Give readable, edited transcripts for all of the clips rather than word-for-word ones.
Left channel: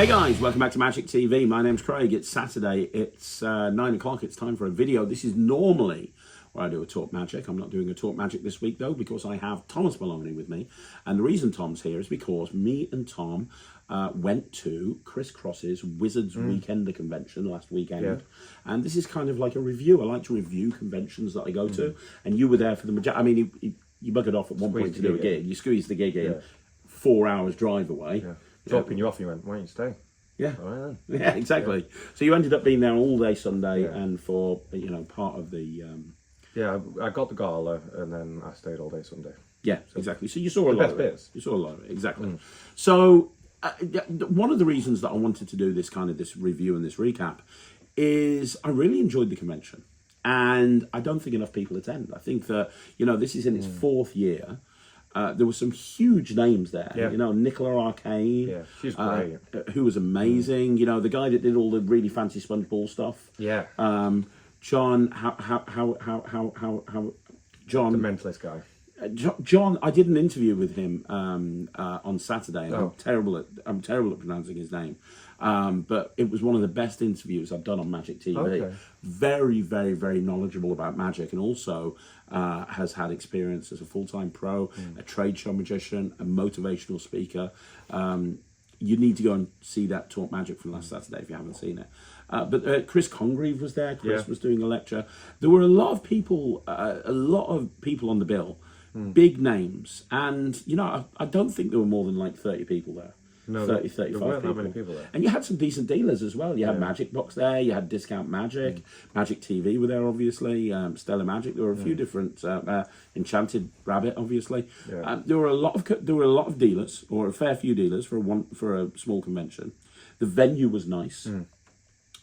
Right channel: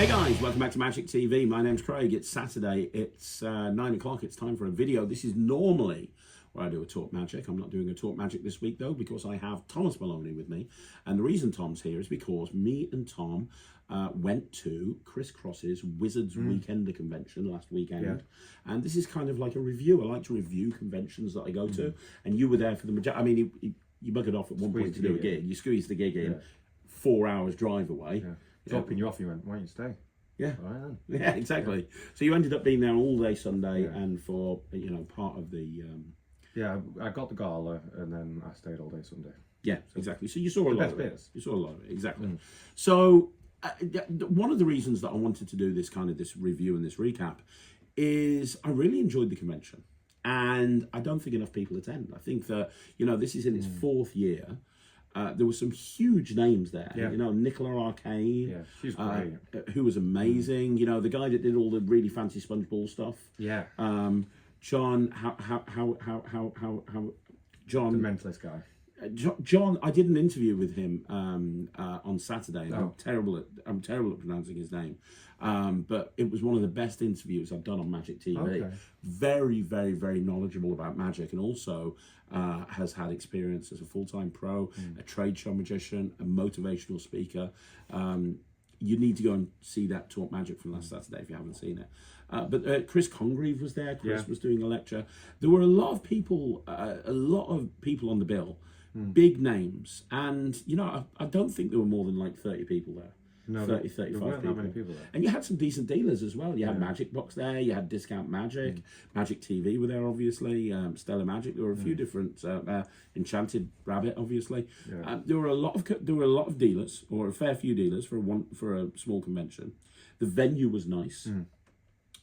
Hey guys, welcome back to Magic TV. My name's Craig. It's Saturday. It's 9 o'clock. It's time for a video. This is normally where I do a Talk Magic. I'm not doing a Talk Magic this week though because I have Thomas Maloney with me. And the reason Tom's here is because me and Tom went to Chris Cross's Wizards Weekender convention last weekend. Yeah. And this is kind of like a review. I like to review conventions that I go to. And you were there for the majority. I mean, you buggered off at one point to do a gig. You squeezed the gig in 4 hours drive away. Yeah. Dropping you off, you went, why don't you stay? Yeah, all right, then. Yeah, exactly. Yeah. So you ended up being there all day Sunday, and for part of the. Yeah, I got the gala, and then I stayed all day Sunday. Yeah, so exactly. So you saw a lot of it. Bits. You saw a lot of it, exactly. So one of the reasons that I wanted to do this review and this recap is I really enjoyed the convention, and I don't think enough people attend. I think that this is in its fourth year. There were some huge names there. Yeah. Nicola Arcane. Yeah, she's great. Who was amazing. The guy that did all the really fancy SpongeBob stuff. Yeah. John. John. The mentalist guy. John. I did an interview with him on Saturday, and I'm terrible at pronouncing his name. But it was one of the best interviews I've done on Magic TV. Okay. Very, very, very knowledgeable about magic, and also has had experience as a full-time pro, a trade show magician, a motivational speaker. You need to go and see that Talk Magic from last Saturday if you haven't seen it. But Chris Congreve was there. Chris was doing a lecture. There were a lot of people on the bill, big names, and I don't think there were more than like 30 people there. No, 30, 35 there weren't people. that many people there. And you had some decent dealers as well. You had Magic Box there, you had Discount Magic, Magic TV were there obviously, Stellar Magic. There were a few different, Enchanted Rabbit obviously. Yeah. There were a lot of dealers, or a fair few dealers for a small convention. The venue was nice.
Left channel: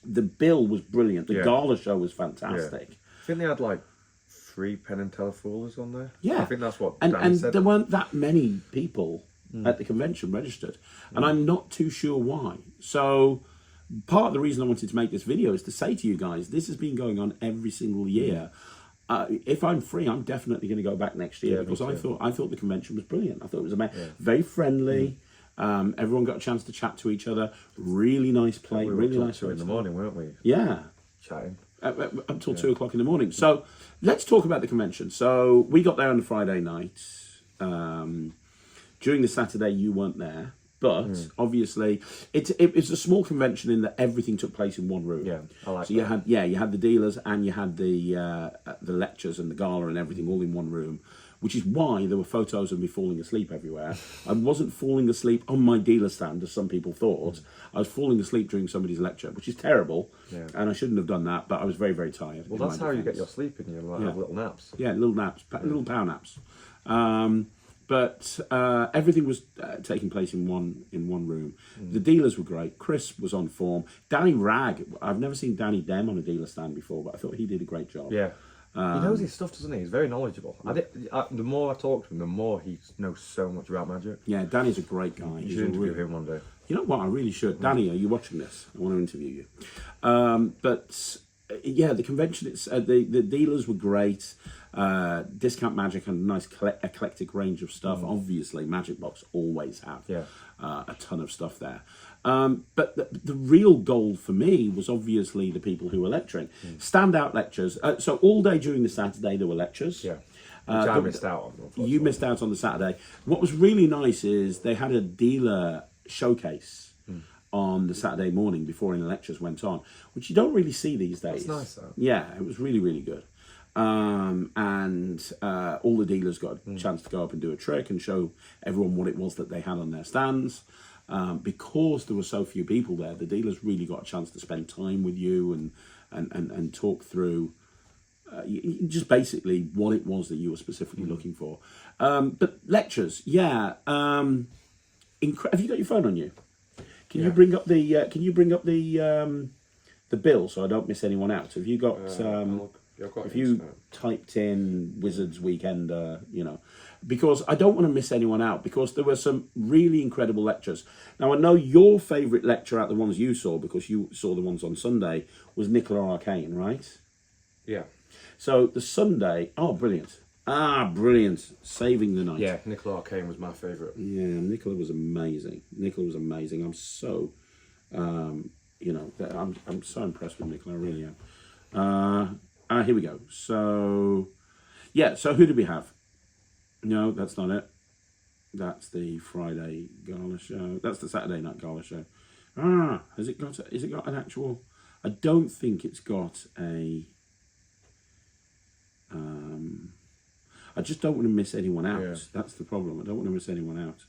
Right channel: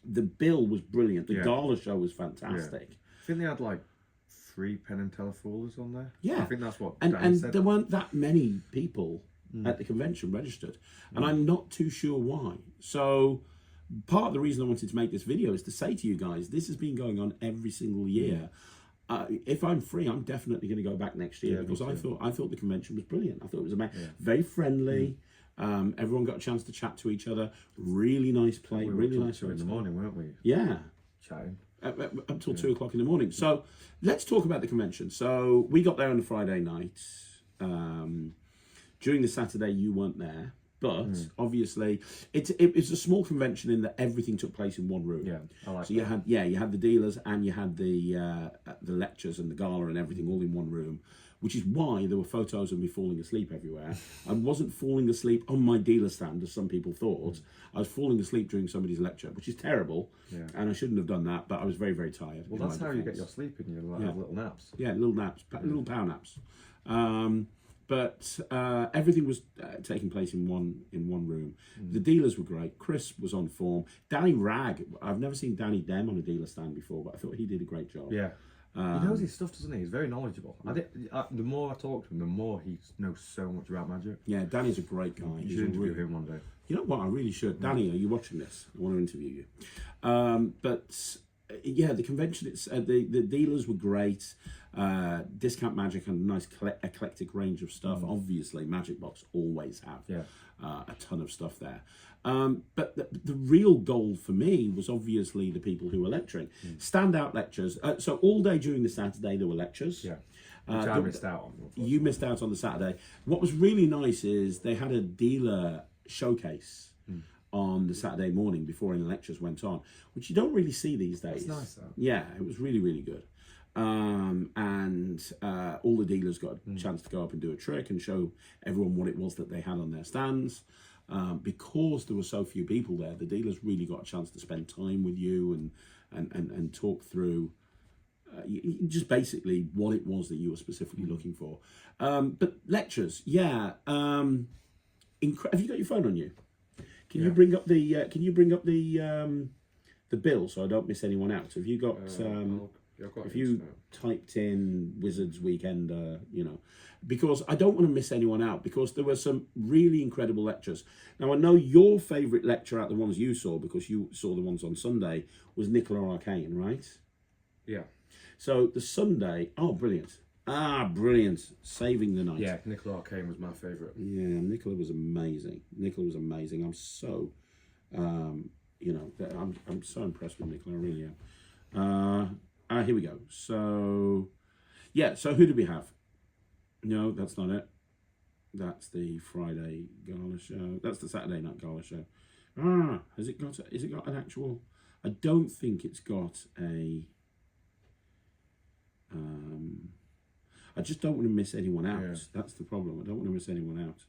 The bill was brilliant. The Gala show was fantastic. I think they had like 3 Penn and Teller Foolers on there. Yeah. I think that's what and said. there weren't that many people at the convention registered, and I'm not too sure why. So part of the reason I wanted to make this video is to say to you guys, this has been going on every single year. If I'm free, I'm definitely going to go back next year, because I thought the convention was brilliant. I thought it was amazing, very friendly. Everyone got a chance to chat to each other. Really nice play, really nice. In the morning, weren't we? Yeah, chatting up till 2 o'clock in the morning. So let's talk about the convention. So we got there on the Friday night. During the Saturday, you weren't there, but obviously it's a small convention in that everything took place in one room. Yeah, I like so that. you had the dealers, and you had the lectures and the gala and everything all in one room, which is why there were photos of me falling asleep everywhere. I wasn't falling asleep on my dealer stand, as some people thought. I was falling asleep during somebody's lecture, which is terrible, and I shouldn't have done that, but I was very, very tired. Well, that's how you get your sleep in. You have little naps. Yeah, little naps, little power naps. But everything was taking place in one room. The dealers were great. Chris was on form. Danny Ragg, I've never seen Danny Dem on a dealer stand before, but I thought he did a great job. Yeah. He knows his stuff, doesn't he? He's very knowledgeable. The more I talk to him, the more he knows so much about magic. Yeah, Danny's a great guy. You should interview him one day. You know what? I really should. Danny, are you watching this? I want to interview you. Yeah, the convention, the dealers were great. Discount Magic had a nice eclectic range of stuff. Obviously, Magic Box always have a ton of stuff there. But the real goal for me was obviously the people who were lecturing. Standout lectures. So all day during the Saturday, there were lectures. Yeah. Which I missed out on. You missed out on the Saturday. What was really nice is they had a dealer showcase on the Saturday morning before any lectures went on, which you don't really see these days. That's nice, though. Yeah, it was really, really good. And all the dealers got a chance to go up and do a trick and show everyone what it was that they had on their stands. Because there were so few people there, the dealers really got a chance to spend time with you and talk through just basically what it was that you were specifically looking for. But lectures, have you got your phone on you? Can you bring up the bill so I don't miss anyone out? Have you got if you typed in Wizards Weekender, because I don't want to miss anyone out, because there were some really incredible lectures. Now, I know your favourite lecture out the ones you saw, because you saw the ones on Sunday, was Nicola Arcane, right? Yeah. So the Sunday, brilliant. Brilliant. Saving the night. Yeah, Nicola Arcane was my favourite. Yeah, Nicola was amazing. I'm so You know, I'm so impressed with Nicola, I really am. Here we go. So, yeah, so who did we have? No, that's not it. That's the Friday Gala show. That's the Saturday night Gala show. Has it got an actual... I don't think it's got a... I just don't want to miss anyone out. Yeah. That's the problem. I don't want to miss anyone out.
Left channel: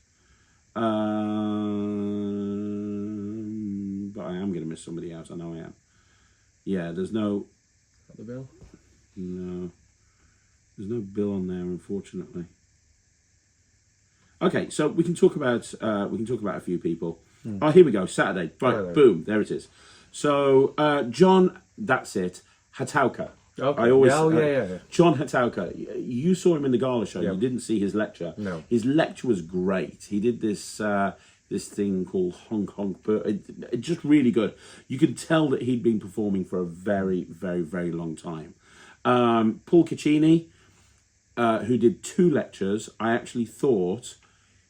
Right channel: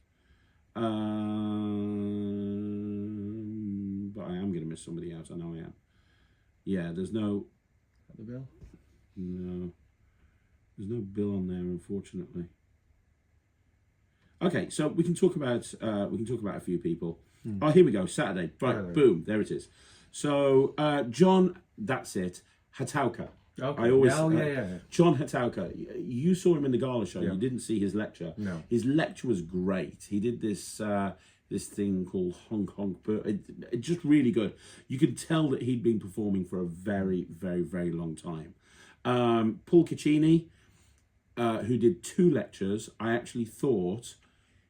But I am going to miss somebody out. I know I am. Yeah, there's no... Got the bill? No. There's no bill on there, unfortunately. Okay, so we can talk about a few people. Oh, here we go. Saturday. Right, boom. There it is. So, John, that's it. Hatauka. Okay. I always, yeah. John Hatauka. You saw him in the Gala show. Yep. You didn't see his lecture. No. His lecture was great. He did this this thing called Honk Honk. It just really good. You could tell that he'd been performing for a very, very, very long time. Paul Caccini, who did 2 lectures, I actually thought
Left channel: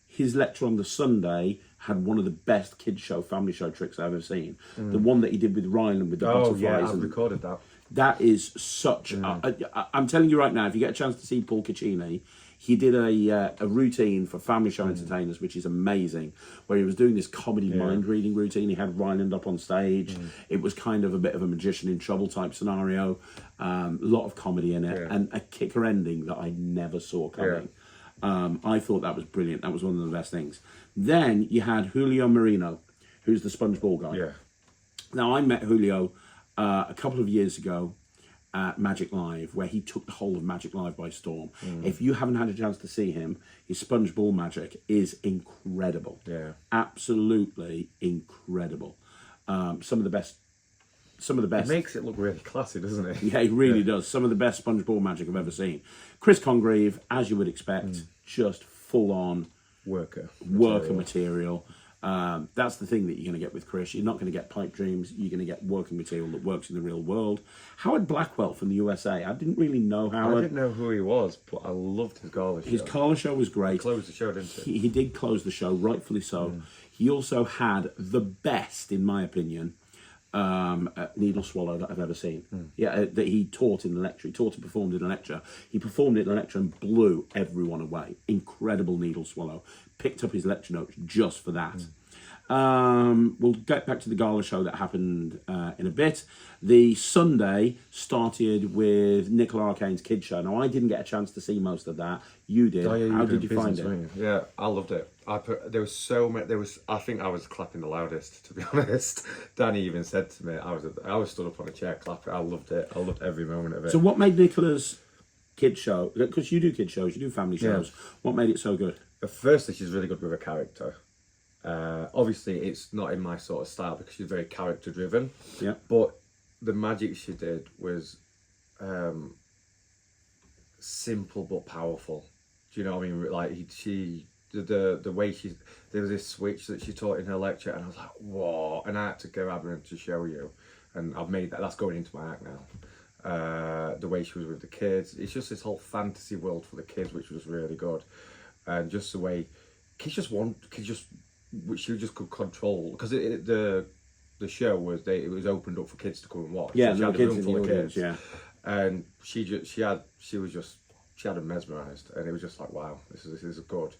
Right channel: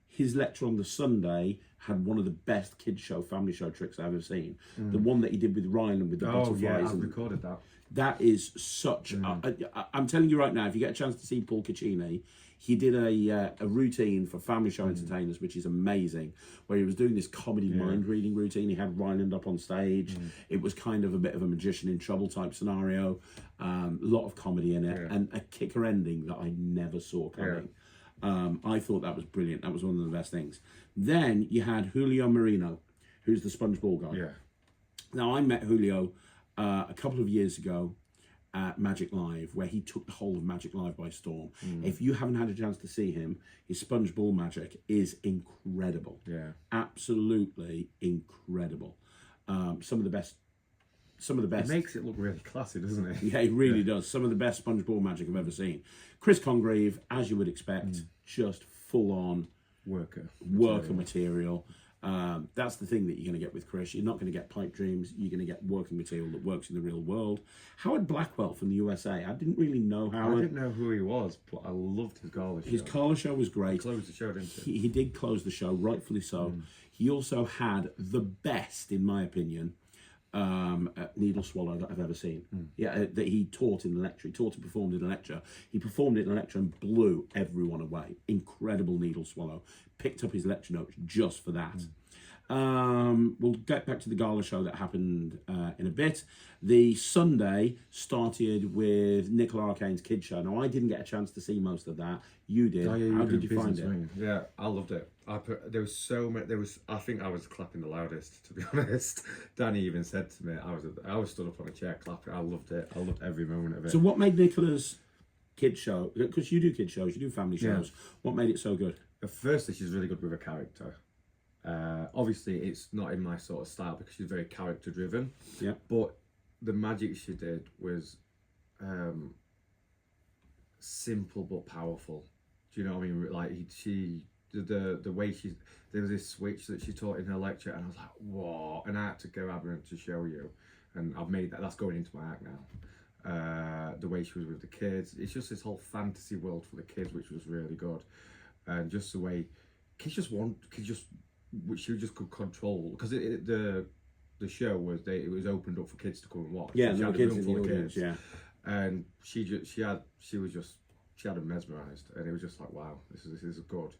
his lecture on the Sunday had one of the best kids show, family show tricks I've ever seen. The one that he did with Ryland with the butterflies. Yeah, I've recorded that. That is such... I'm telling you right now, if you get a chance to see Paul Caccini, he did a routine for family show entertainers, which is amazing, where he was doing this comedy mind-reading routine. He had Ryland up on stage. It was kind of a bit of a magician in trouble type scenario. A lot of comedy in it, and a kicker ending that I never saw coming. I thought that was brilliant. That was one of the best things. Then you had Julio Marino, who's the sponge ball guy. Yeah. Now, I met Julio a couple of years ago at Magic Live, where he took the whole of Magic Live by storm. If you haven't had a chance to see him, his sponge ball magic is incredible. Yeah. Absolutely incredible. Some of the best. It makes it look really classy, doesn't it? Yeah, it really does. Some of the best sponge ball magic I've ever seen. Chris Congreve, as you would expect, just full on worker material. That's the thing that you're going to get with Chris. You're not going to get pipe dreams. You're going to get working material that works in the real world. Howard Blackwell from the USA. I didn't really know Howard. I didn't know who he was, but I loved his Gala show. His Gala show was great. He closed the show, didn't he? He did close the show, rightfully so. He also had the best, in my opinion, needle swallow that I've ever seen. Yeah, that he taught in the lecture. He taught and performed in a lecture. He performed it in a lecture and blew everyone away. Incredible needle swallow. Picked up his lecture notes just for that. We'll get back to the Gala show that happened in a bit. The Sunday started with Nicola Arcane's Kids Show. Now, I didn't get a chance to see most of that. You did. How did you find it? Yeah, I loved it. There was so many. I think I was clapping the loudest, to be honest. Danny even said to me, I was stood up on a chair clapping. I loved it. I loved every moment of it. So, what made Nicola's Kids Show? Because you do kids shows, you do family shows. What made it so good? Firstly, she's really good with her character. Obviously, it's not in my sort of style because she's very character driven. Yeah. But the magic she did was simple but powerful. Do you know what I mean? Like the way there was this switch that she taught in her lecture, and I was like, whoa! And I had to grab her to show you, and I've made that. That's going into my act now. The way she was with the kids, it's just this whole fantasy world for the kids, which was really good, and just the way she just could control, because the show was it was opened up for kids to come and watch. Yeah, so no kids in the audience. Yeah, and she had them mesmerised, and it was just like, wow, this is good.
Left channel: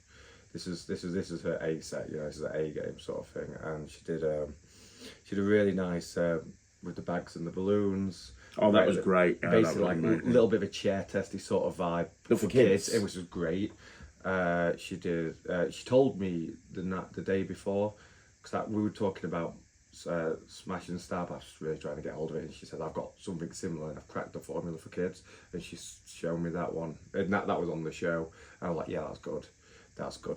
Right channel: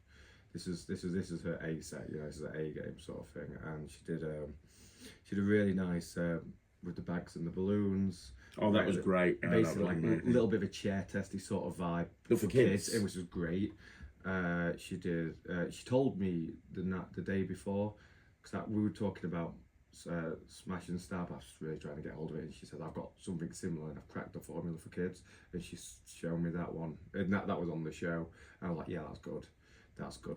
This is her A set, this is an A game sort of thing. And she did a really nice with the bags and the balloons. Oh, that was great. Yeah, basically, like a little bit of a chair testy sort of vibe for kids. It was just great. She did. She told me the day before, because we were talking about Smash and Stab. I was really trying to get hold of it, and she said, I've got something similar, and I've cracked the formula for kids. And she's shown me that one, and that was on the show. And I was like, yeah, that's good.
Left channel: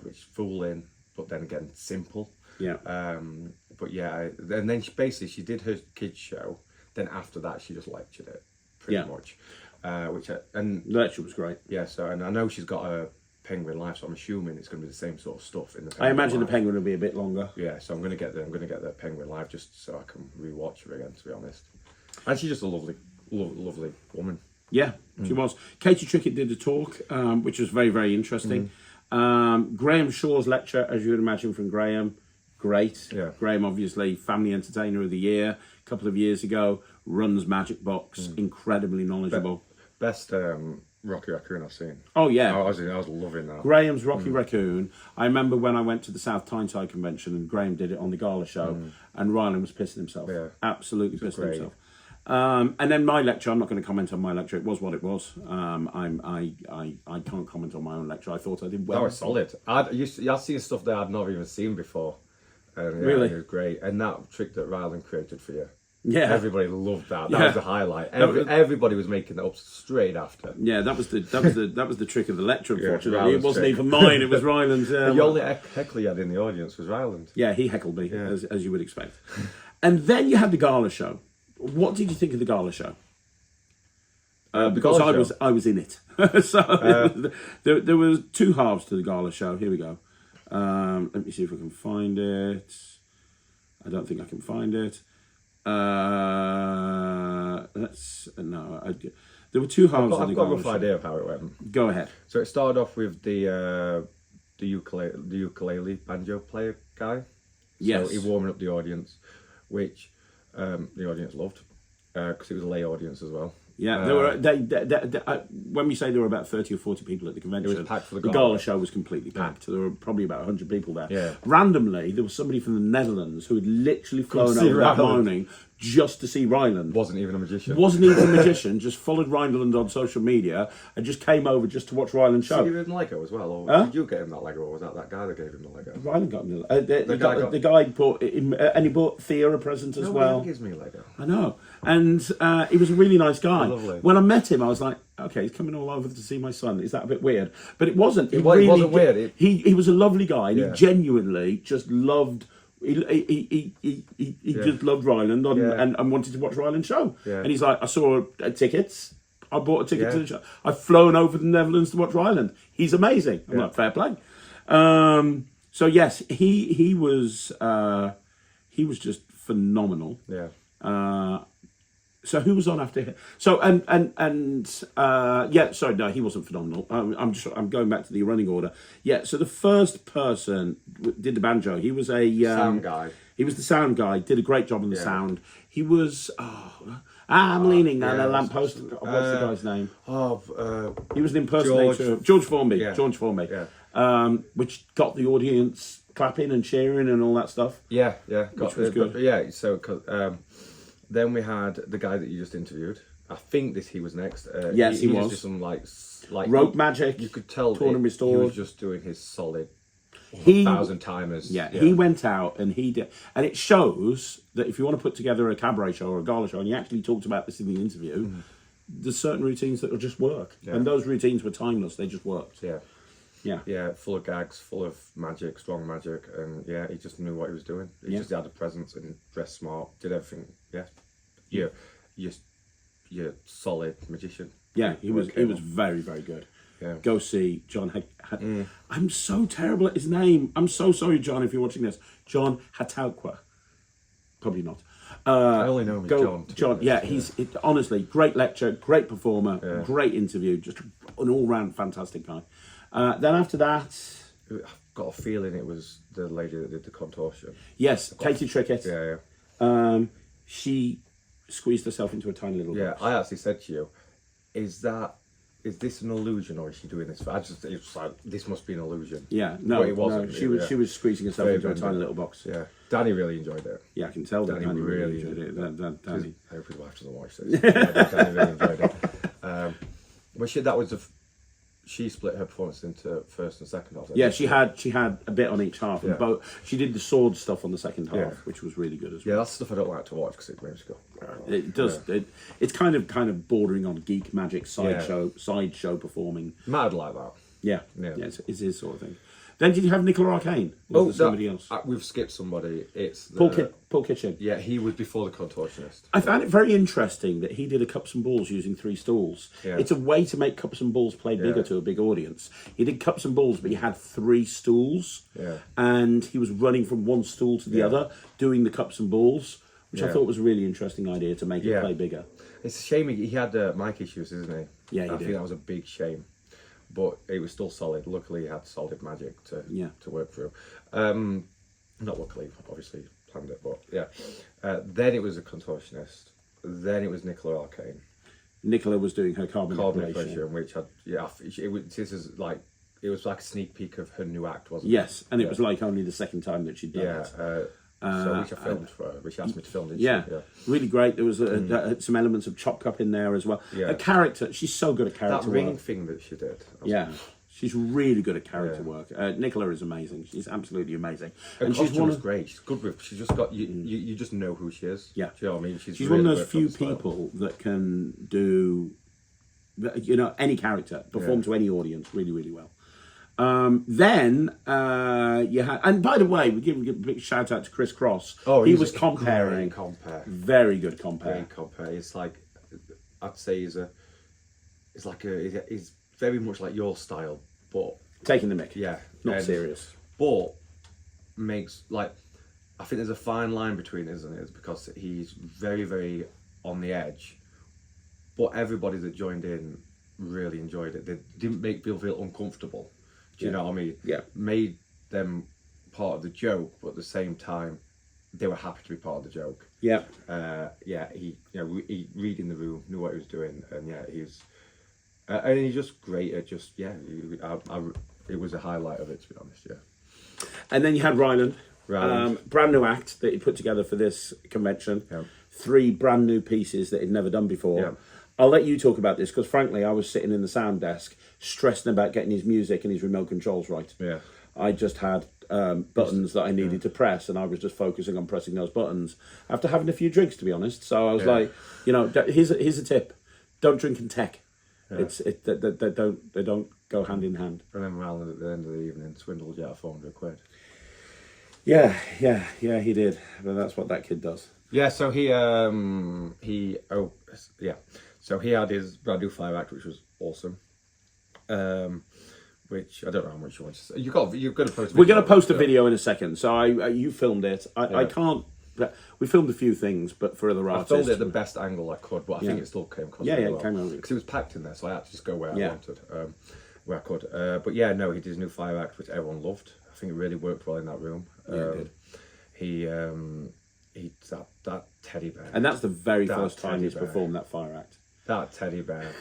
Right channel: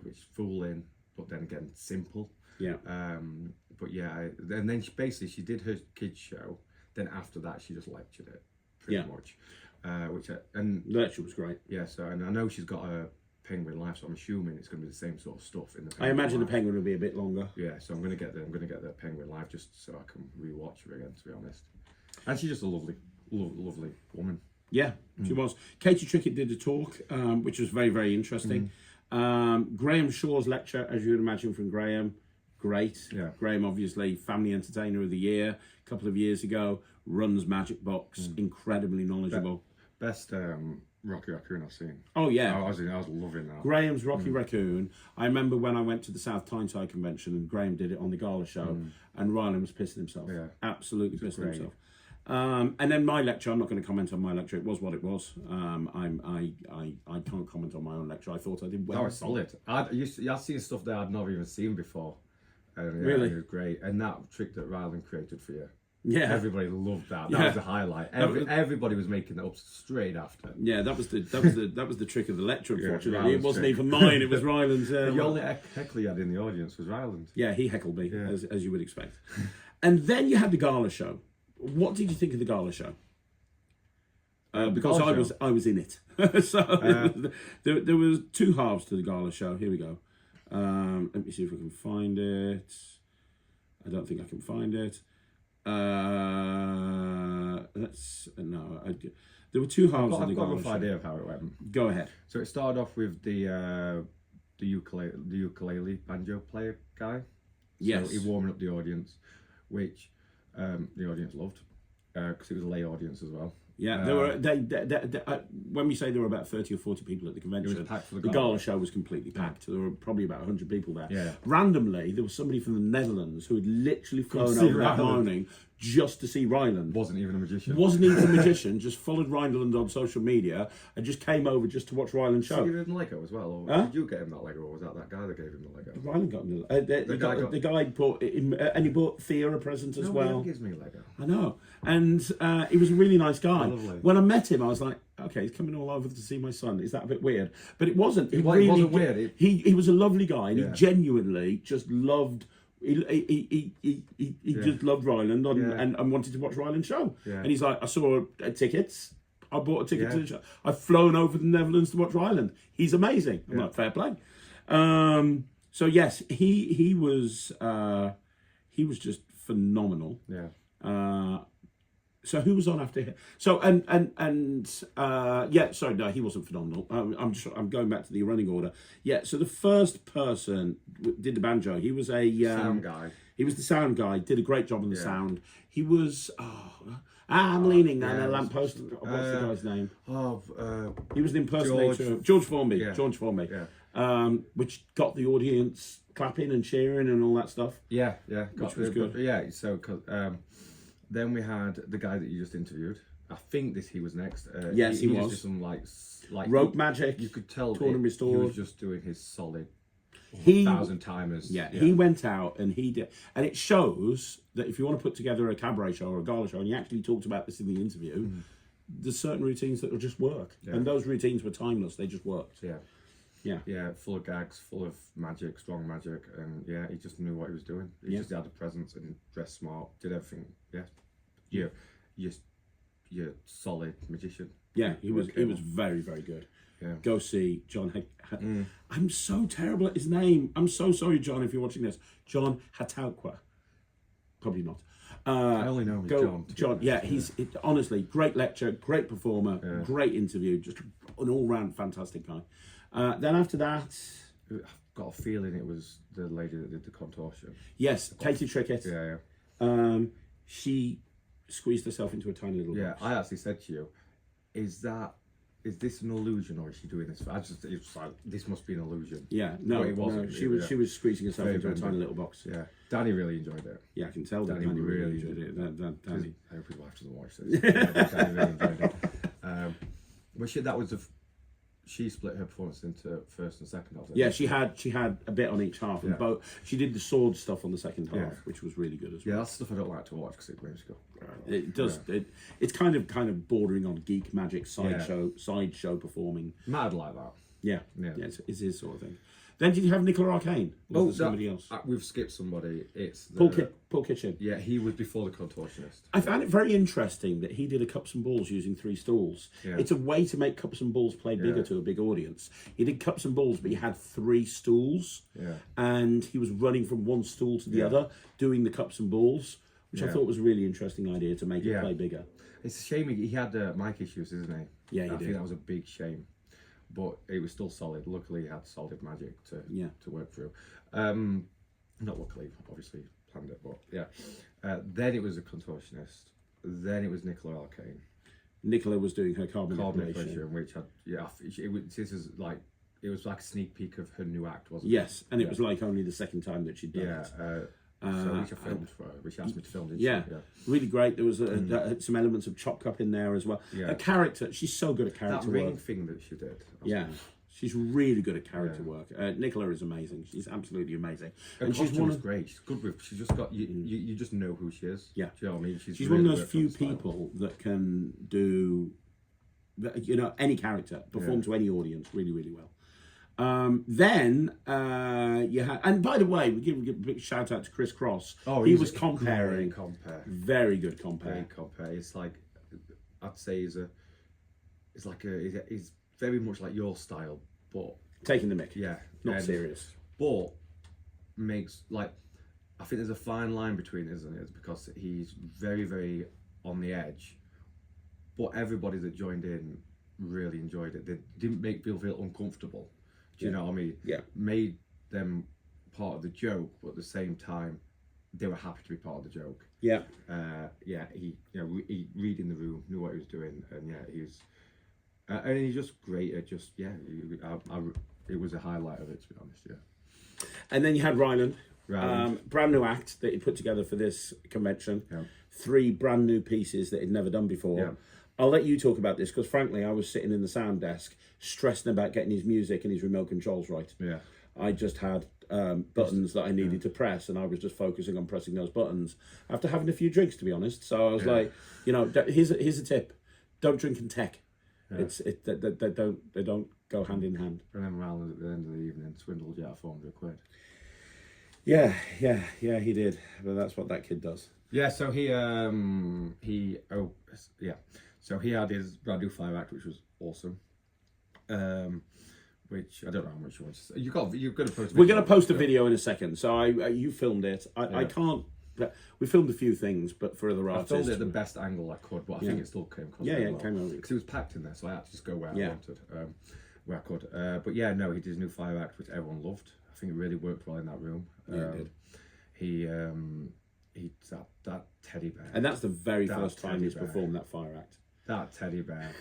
Which is fooling, but then again, simple. Yeah. But yeah, and then she did her kids show. Then after that, she just lectured it pretty much. And the lecture was great. Yeah. So, and I know she's got a Penguin Life, so I'm assuming it's going to be the same sort of stuff in the Penguin I imagine Life. The Penguin will be a bit longer. Yeah, so I'm going to get the Penguin Live just so I can rewatch her again, to be honest. And she's just a lovely woman. Yeah, she was. Katie Trickett did a talk, which was very, very interesting. Graham Shaw's lecture, as you would imagine from Graham, great. Yeah. Graham, obviously, Family Entertainer of the Year a couple of years ago, runs Magic Box, incredibly knowledgeable. Best Rocky Raccoon I've seen. Oh, yeah. I was loving that. Graham's Rocky Raccoon. I remember when I went to the South Tyneside convention and Graham did it on the Gala show, and Ryland was pissing himself. Yeah. Absolutely pissing great. himself. And then my lecture, I'm not going to comment on my lecture. It was what it was. I can't comment on my own lecture. I thought I did well. That was solid. I'd seen stuff that I'd not even seen before. And, yeah, Really? it was great. And that trick that Ryland created for you. Yeah. Everybody loved that. That Yeah. was the highlight. Everybody was making that up straight after. Yeah, that was the trick of the lecture. Unfortunately, it Ryland's wasn't trick. even mine. It was Ryland's. The only heckler you had in the audience was Ryland. Yeah, he heckled me as you would expect. And then you had the Gala show. What did you think of the Gala show? Because Gala show? I was in it. So there was two halves to the Gala show. Here we go. Let me see if I can find it. I don't think I can find it. There were two halves of the I've got a Gala rough show. idea of how it went. Go ahead. So it started off with the ukulele banjo player guy. Yes. So he warming up the audience, which the audience loved because it was a lay audience as well. Yeah, there were. When we say there were about 30 or 40 people at the convention, It was packed for the the Gala. Gala show was completely packed. There were probably about 100 people there. Yeah. Randomly, there was somebody from the Netherlands who had literally flown see over that Ryland. morning just to see Ryland. Wasn't even a magician. Wasn't even a magician, just followed Ryland on social media and just came over just to watch Ryland's Did show. you give him Lego as well? Or Huh? did you get him that Lego, or was that guy that gave him the Lego? Ryland got me. The guy guy bought him, and he bought Thea a present as well. Nobody gives me a Lego. I know. And he was a really nice guy. Lovely. When I met him, I was like, okay, he's coming all over to see my son. Is that a bit weird? But it wasn't. It wasn't weird. He was a lovely guy, and Yeah. he genuinely just loved. He just loved Ryland and wanted to watch Ryland's show. Yeah. And he's like, I saw tickets. I bought a ticket to Yeah. the show. I've flown over to the Netherlands to watch Ryland. He's amazing. I'm like, fair play. So yes, he was just phenomenal. Yeah. So who was on after him? So sorry, no, he wasn't phenomenal. I'm going back to the running order. Yeah, so the first person did the banjo. He was a Sound guy. He was the sound guy. Did a great job on the sound. He was. I'm leaning on a lamppost. What's the guy's name? He was an impersonator. George Formby. Yeah. George Formby. Yeah. Which got the audience clapping and cheering and all that stuff. Yeah. Which was good. Yeah. So then we had the guy that you just interviewed. I think he was next. Yes, he was. Just did some like Rope magic. You could tell torn and he restored. was just doing his solid 1,000 timers. Yeah, he went out and he did, and it shows that if you want to put together a cabaret show or a gala show, and he actually talked about this in the interview, there's certain routines that will just work, and those routines were timeless. They just worked. Yeah, full of gags, full of magic, strong magic, and yeah, he just knew what he was doing. He just had a presence and dressed smart, did everything. Yeah, you're solid magician. Yeah, he was very, very good. Yeah. Go see John. I'm so terrible at his name. I'm so sorry, John, if you're watching this. John Hataukwa. Probably not. I only know him as John. John, yeah, honestly, great lecture, great performer, great interview, just an all-round fantastic guy. Then after that... I've got a feeling it was the lady that did the contortion. Yes, Katie Trickett. Yeah. She squeezed herself into a tiny little box. I actually said to you, is this an illusion or is she doing this? It was like, this must be an illusion. Yeah, no, But it wasn't. No, she was squeezing herself Very into a bendy. tiny little box. Yeah. Danny really enjoyed it. Yeah, I can tell that Danny really enjoyed it. Danny. I hope his wife doesn't watch this. Yeah, Danny really enjoyed it. But she split her performance into first and second half. Yeah, she had a bit on each half, and both. She did the sword stuff on the second half, Yeah. which was really good as Yeah, well. that's stuff I don't like to watch because it makes you go. It does. Yeah. It's kind of bordering on geek magic sideshow performing. Mad like that. Yeah, Yeah. it's his sort of thing. Then did you have Nicola Arcane? Or was there somebody else? We've skipped somebody. It's Paul Kitchen. Yeah, he was before the contortionist. I found it very interesting that he did a cups and balls using 3 stools. Yeah. It's a way to make cups and balls play bigger to a big audience. He did cups and balls, but he had 3 stools. Yeah. And he was running from one stool to the other, doing the cups and balls, which I thought was a really interesting idea to make it play bigger. It's a shame he had mic issues, isn't he? Yeah, he I did. think that was a big shame. But it was still solid. Luckily, he had solid magic to work through. Not luckily, obviously planned it, but yeah. Then it was a contortionist. Then it was Nicola Arcane. Nicola was doing her carbon Manipulation, which it was like a sneak peek of her new act, wasn't it? Yes, and it was like only the second time that she'd done it. So which I filmed for her, which she asked me to film, didn't yeah, she? Yeah, really great. There was some elements of Chop Cup in there as well. Yeah. A character, she's so good at character that ring work. thing that she did. Yeah, she's really good at character work. Nicola is amazing. She's absolutely amazing. Her And she's great. She's good with. She's just got you just know who she is. Yeah, do you know what I mean? She's really one of those few people that can do, any character, perform to any audience really, really well. Then you had, and by the way, we give a big shout out to Chris Cross. Oh, he was comparing. Very good compare. Great compare. It's like, I'd say he's very much like your style, but Taking the mick. yeah, Not serious. But makes I think there's a fine line between, isn't it? Because he's very, very on the edge, but everybody that joined in really enjoyed it. They didn't make people feel uncomfortable. Do you know what I mean? Yeah. Made them part of the joke, but at the same time, they were happy to be part of the joke. Yeah. He reading the room, knew what he was doing, and and he's just great at just it was a highlight of it, to be honest. Yeah. And then you had Ryland. Ryland. Brand new act that he put together for this convention. Yeah. 3 brand new pieces that he'd never done before. Yeah. I'll let you talk about this because, frankly, I was sitting in the sound desk stressing about getting his music and his remote controls right. Yeah. I just had buttons that I needed to press, and I was just focusing on pressing those buttons after having a few drinks, to be honest. So I was like, here's a tip: don't drink and tech. Yeah. They don't go hand in hand. And then Ryland at the end of the evening swindled you out of £400. Yeah, he did. But that's what that kid does. Yeah, so so he had his brand new fire act, which was awesome. Which I don't know how much you want to say. You're going to post. We're going to post a video in a second. So you filmed it. I can't. We filmed a few things, but for other artists, I filmed it at the best angle I could, but I think it still came across. Yeah, well. it came over because it was packed in there, so I had to just go where I wanted, where I could. But yeah, no, he did his new fire act, which everyone loved. I think it really worked well in that room. It did. He that teddy bear, and that's the very first time he's performed that fire act. That teddy bear.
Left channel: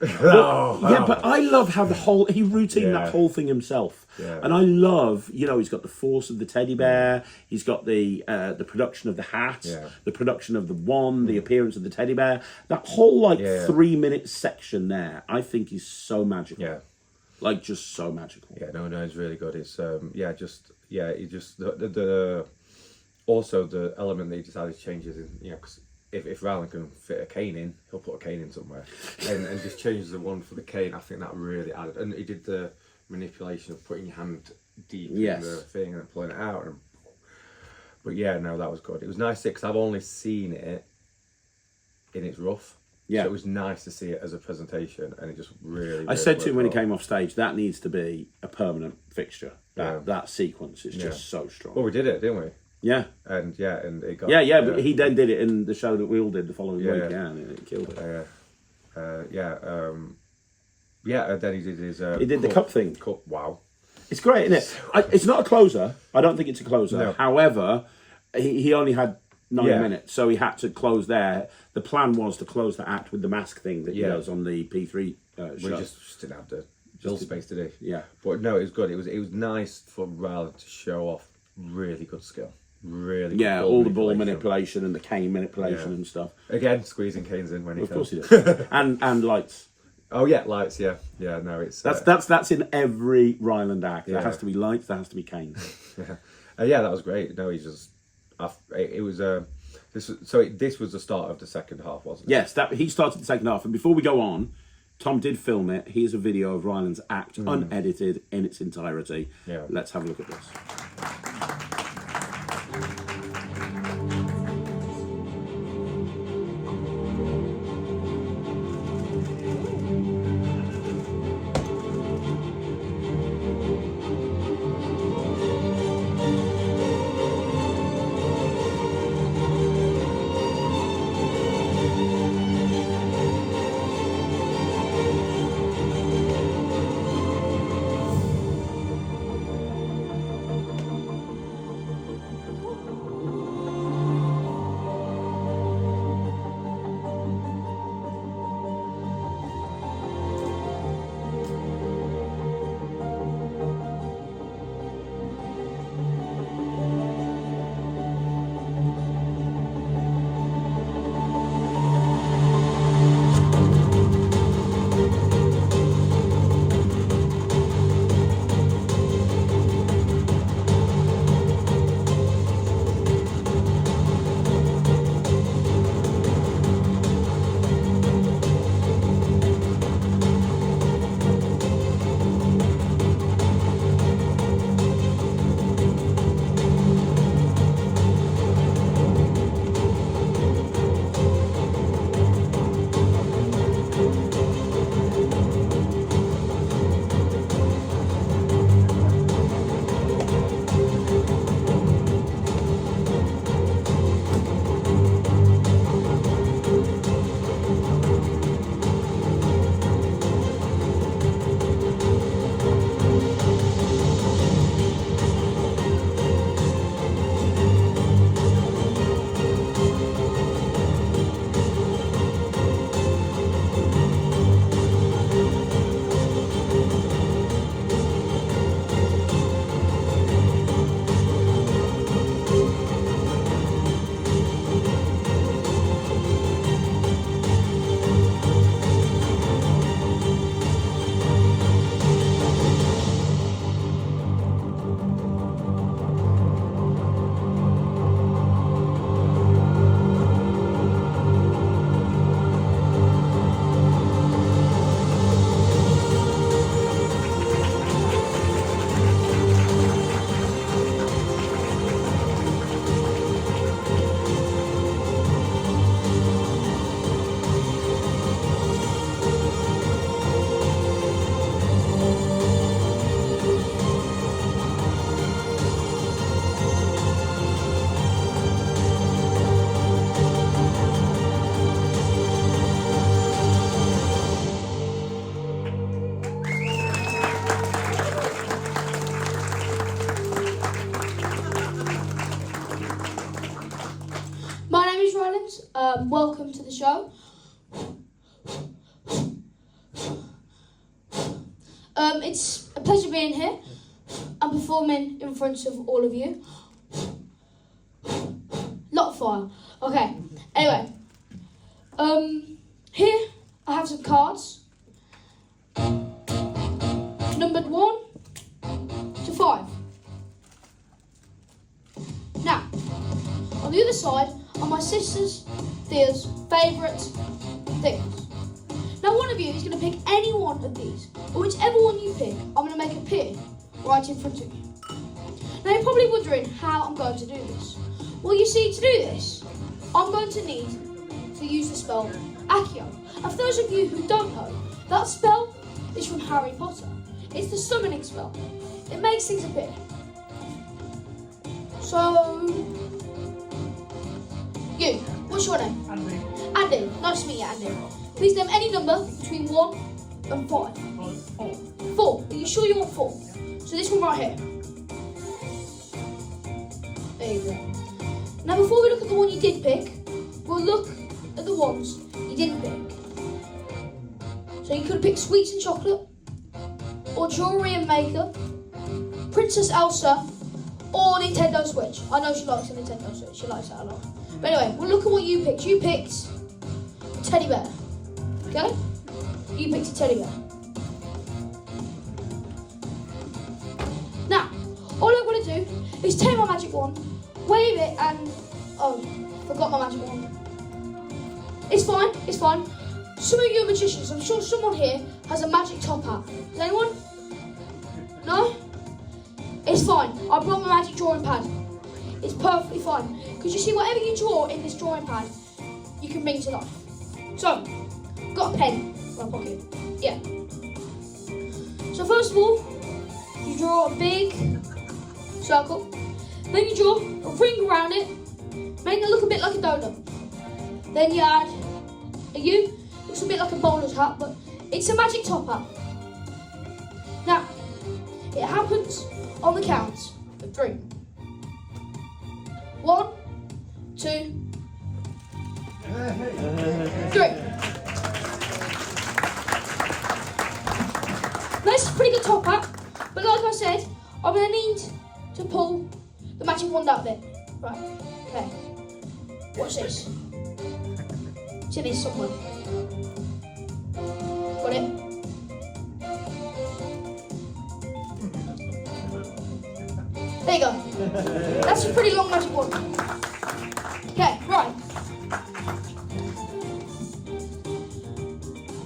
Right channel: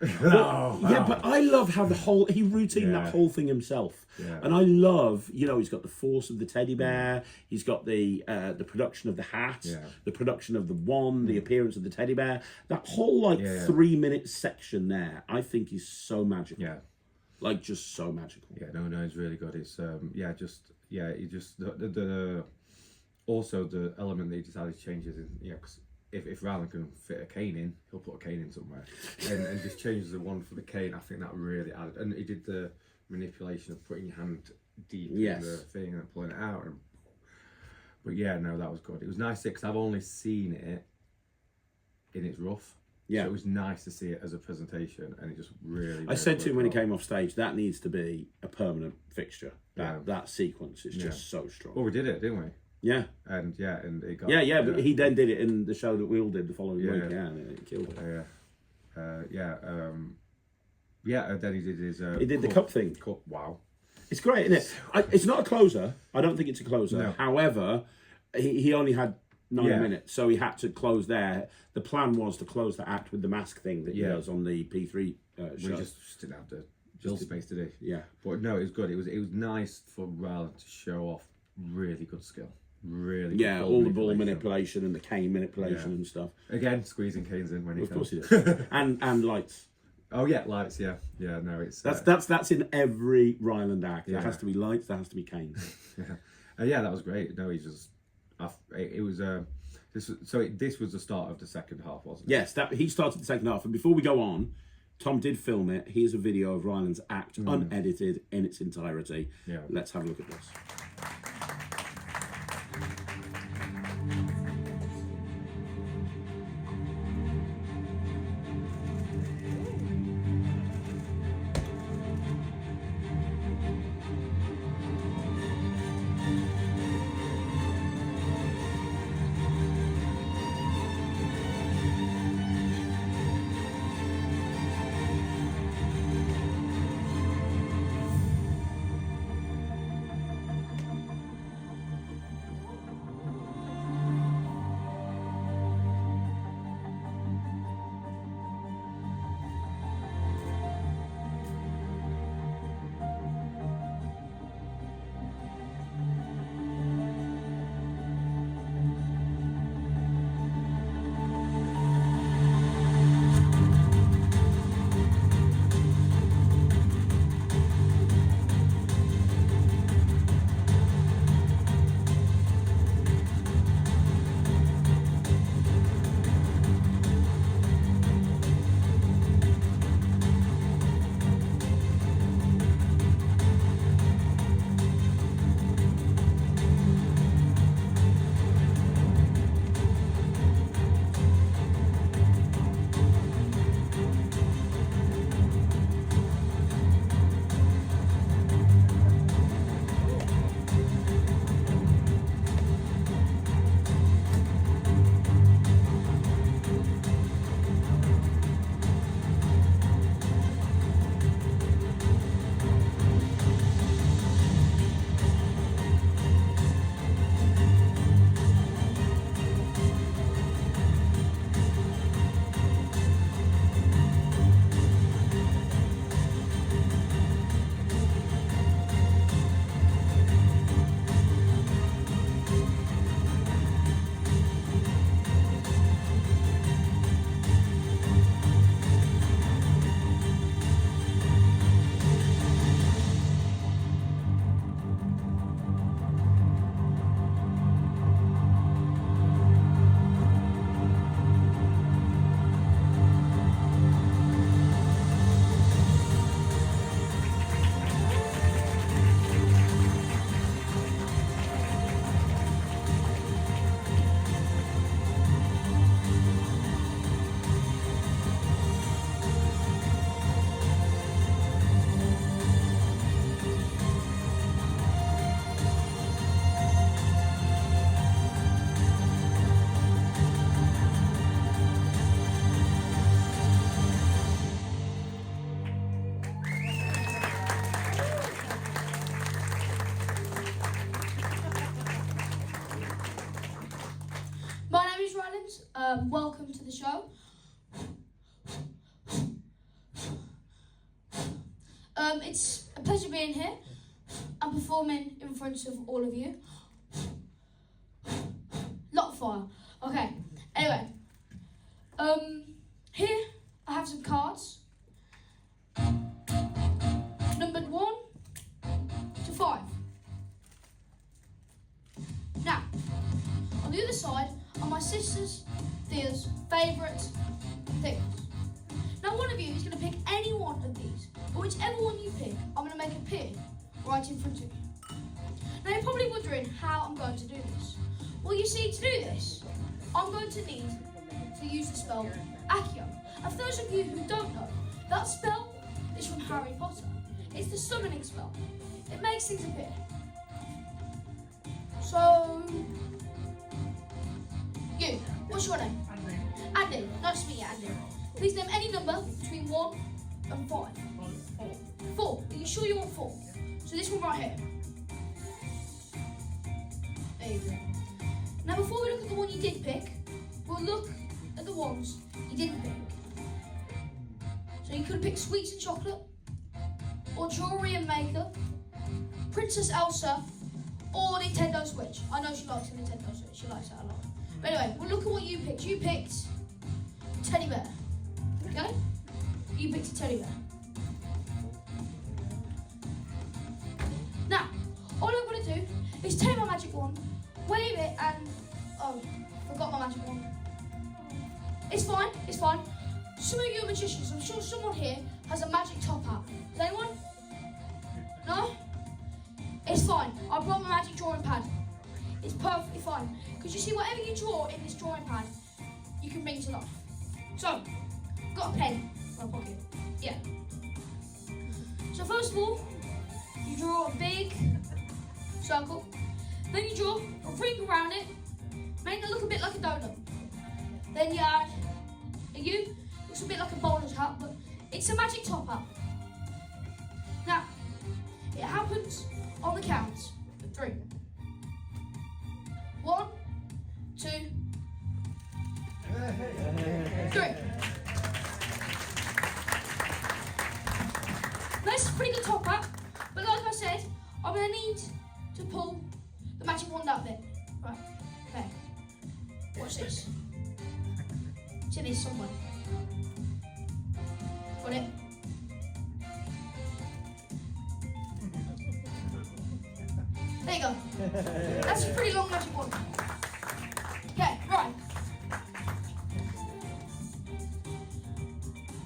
Yeah, but I love how he routine that whole thing himself. Yeah. And I love, he's got the force of the teddy bear, he's got the production of the hat, the production of the wand, the appearance of the teddy bear. That whole 3-minute section there, I think is so magical. Yeah. Just so magical. Yeah, no, it's really good. It's also the element that he decided to change is, because if Ryland can fit a cane in, he'll put a cane in somewhere, and just changes the one for the cane. I think that really added, and he did the manipulation of putting your hand deep in the thing and pulling it out. But yeah, no, that was good. It was nice because I've only seen it in its rough. Yeah, so it was nice to see it as a presentation, and it just really. I said to him when he came off stage, that needs to be a permanent fixture. That sequence is just so strong. Well, we did it, didn't we? Yeah. And it got... but he then did it in the show that we all did the following week, and it killed it. And then he did his... he did the cup thing. Wow. It's great, isn't it? It's not a closer. I don't think it's a closer. No. However, he only had 9 minutes, so he had to close there. The plan was to close the act with the mask thing that he does on the P3 show. We just didn't have the bill space today. Yeah. But no, it was good. It was nice for Ryland to show off really good skill. Really good all the ball manipulation and the cane manipulation and stuff. Again, squeezing canes in when he can. Of course he does. and lights. Oh yeah, lights. Yeah. No, it's that's in every Ryland act. There has to be lights. There has to be canes. That was great. No, he's just. It was this was the start of the second half, wasn't it? Yes, he started the second half. And before we go on, Tom did film it. Here's a video of Ryland's act, unedited in its entirety. Yeah. Let's have a look at this. welcome to the show. It's a pleasure being here. I'm performing in front of all of you. Lot of fire. Okay. Anyway, here I have some cards, numbered 1 to 5. Now, on the other side are my sister's, Thea's favourite things. Now, one of you is going to pick any one of these, but whichever one you pick, I'm going to make appear right in front of you. Now, you're probably wondering how I'm going to do this. Well, you see, to do this, I'm going to need to use the spell Accio. And for those of you who don't know, that spell is from Harry Potter. It's the summoning spell. It makes things appear. So, you, what's your name? Andy. Andy. Nice to meet you, Andy. Please name any number between 1 and 5. 4. 4. Are you sure you want 4? So this one right here. There you go. Now before we look at the one you did pick, we'll look at the ones you didn't pick. So you could have picked sweets and chocolate, or jewellery and makeup, Princess Elsa, or Nintendo Switch. I know she likes a Nintendo Switch, she likes that a lot. But anyway, we'll look at what you picked. You picked a teddy bear. Okay? You picked a teddy bear. Now, all I'm going to do is take my magic wand, wave it, and... oh, forgot my magic wand. It's fine, it's fine. Some of you are magicians. I'm sure someone here has a magic top hat. Does anyone? No? It's fine. I brought my magic drawing pad. It's perfectly fine. Because you see, whatever you draw in this drawing pad, you can bring to life. So, got a pen in my pocket. Yeah. So first of all, you draw a big circle. Then you draw a ring around it, making it look a bit like a donut. Then you add a U. Looks a bit like a bowler's hat, but it's a magic top hat. Now, it happens on the count of 3. 1, 2, 3. This is a pretty good top hat, but like I said, I'm going to need to pull the magic wand out a bit. Right, okay. Watch this. It's in here somewhere. Got it? There you go. That's a pretty long magic wand. Okay, right.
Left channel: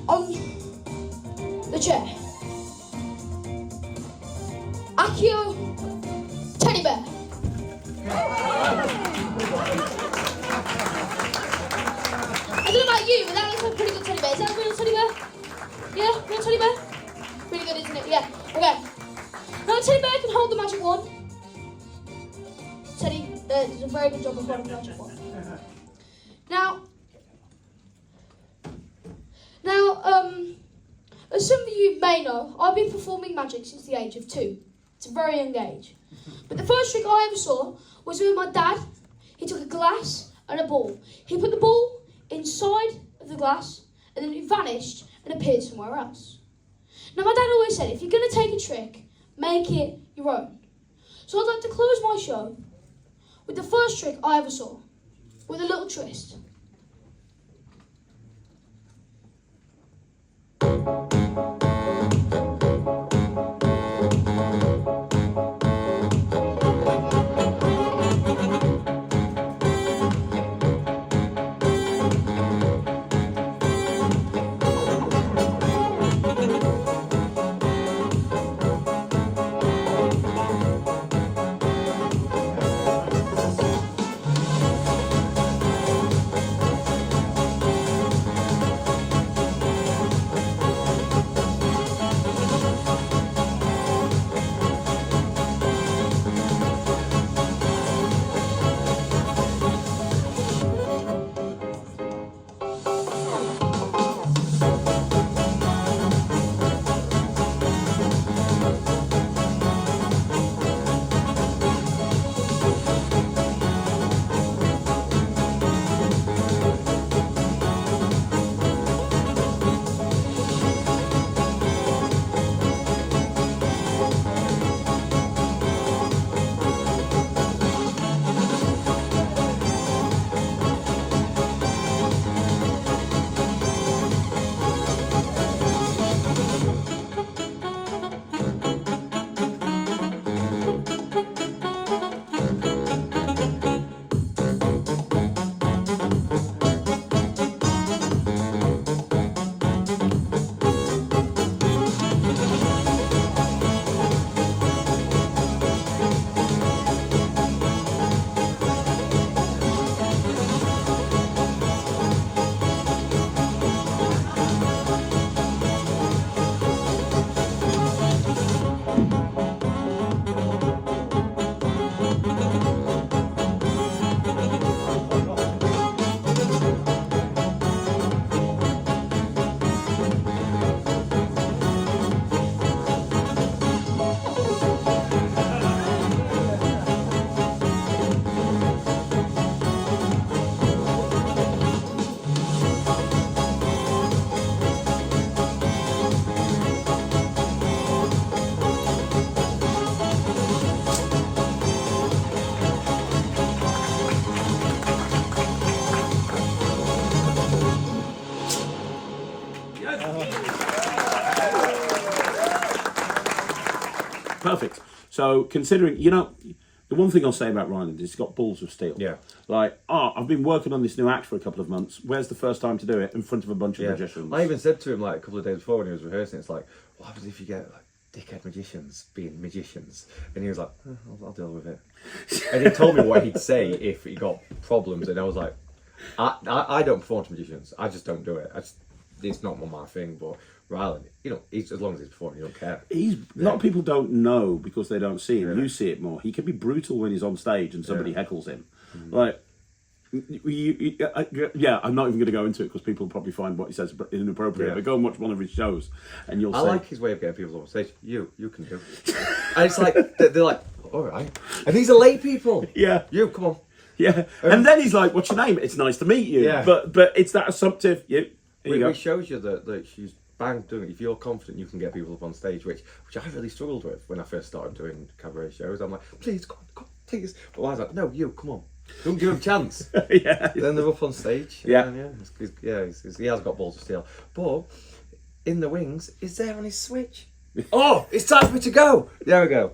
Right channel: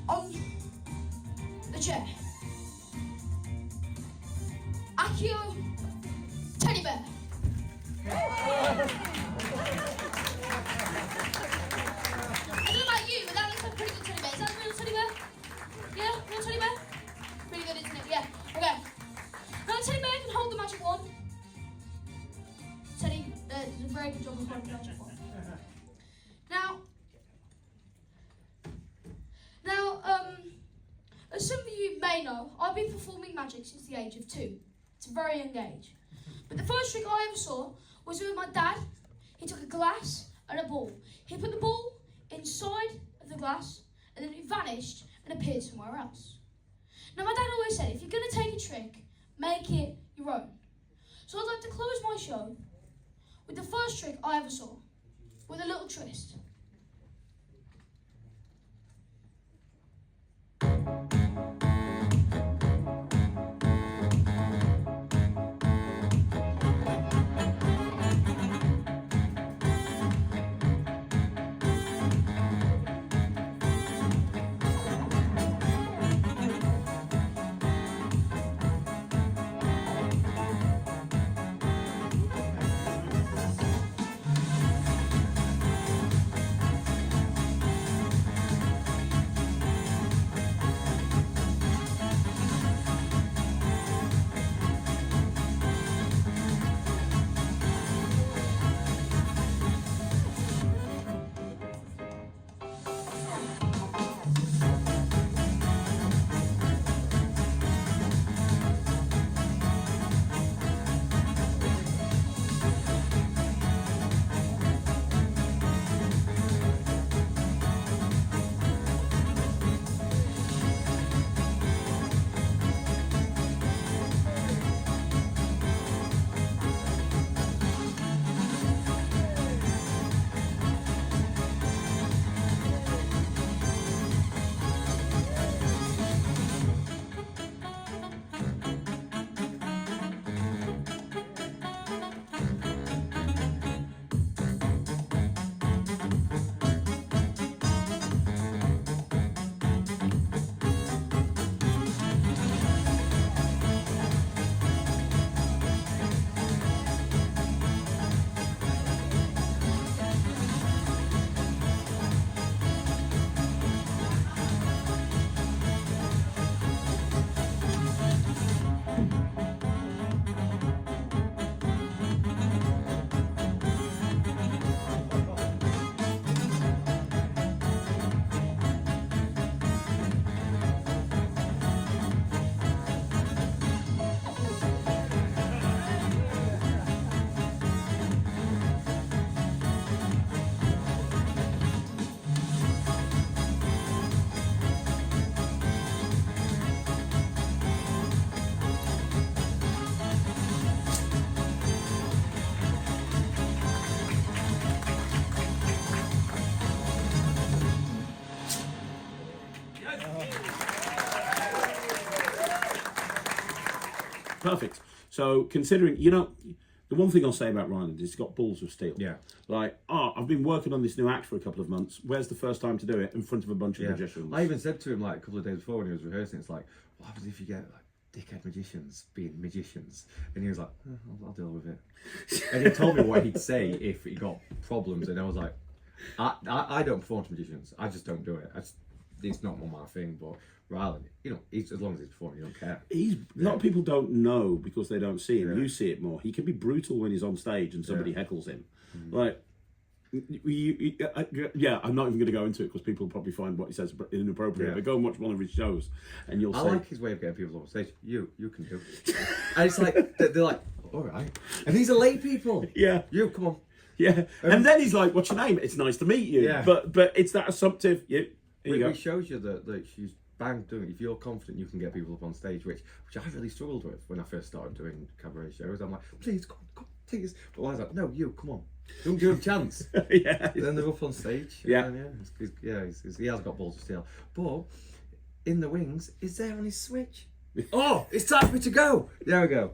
On the chair. Accio teddy bear. I don't know about you, but that looks like a pretty good teddy bear. Is that a real teddy bear? Yeah, real teddy bear? Pretty good, isn't it? Yeah. Okay. Now the teddy bear can hold the magic wand. Teddy does a very good job of holding the magic wand. Now, as some of you may know, I've been performing magic since the age of 2. It's a very young age. But the first trick I ever saw was with my dad. He took a glass and a ball. He put the ball inside of the glass, and then it vanished and appeared somewhere else. Now, my dad always said, if you're going to take a trick, make it your own. So I'd like to close my show with the first trick I ever saw, with a little twist. perfect. So considering, the one thing I'll say about Ryland is he's got balls of steel. Yeah. Like, I've been working on this new act for a couple of months. Where's the first time to do it? In front of a bunch of magicians. I even said to him like a couple of days before when he was rehearsing, it's like, what happens if you get like dickhead magicians being magicians? And he was like, I'll deal with it. And he told me what he'd say if he got problems, and I was like, I don't perform to magicians. I just don't do it. It's not my thing. But Ryland, as long as he's performing, you don't care. A lot of people don't know because they don't see him. Really? You see it more. He can be brutal when he's on stage and somebody heckles him. Like, I'm not even going to go into it because people will probably find what he says inappropriate. Yeah. But go and watch one of his shows, and you'll see. I like his way of getting people on stage. You can do it. And it's like they're like, all right. And these are late people. Yeah. You come on. Yeah. And then he's like, "What's your name? It's nice to meet you." Yeah. But it's that assumptive. Here you go. It shows you that she's bang doing it. If you're confident, you can get people up on stage, which I really struggled with when I first started doing cabaret shows. I'm like, please, come on, please. But I was like, no, you, come on. Don't give him a chance. Then they're up on stage. Yeah. He has got balls of steel. But in the wings, is there on his switch? Oh, it's time for me to go. There we go.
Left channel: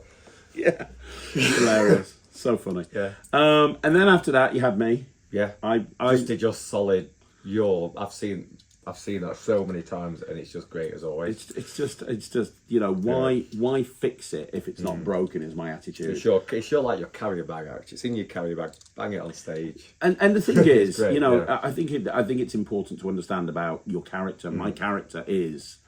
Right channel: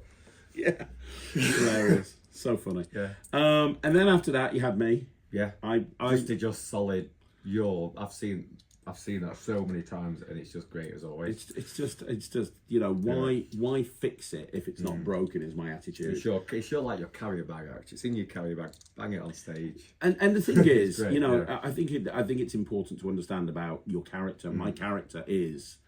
Yeah. Hilarious. So funny. Yeah. And then after that, you had me. Yeah. I just did your solid. I've seen that so many times, and it's just great as always. It's just why fix it if it's not broken is my attitude. It's your like your carrier bag act. It's in your carrier bag. Bang it on stage. And the thing is, great, I think it's important to understand about your character. My character is,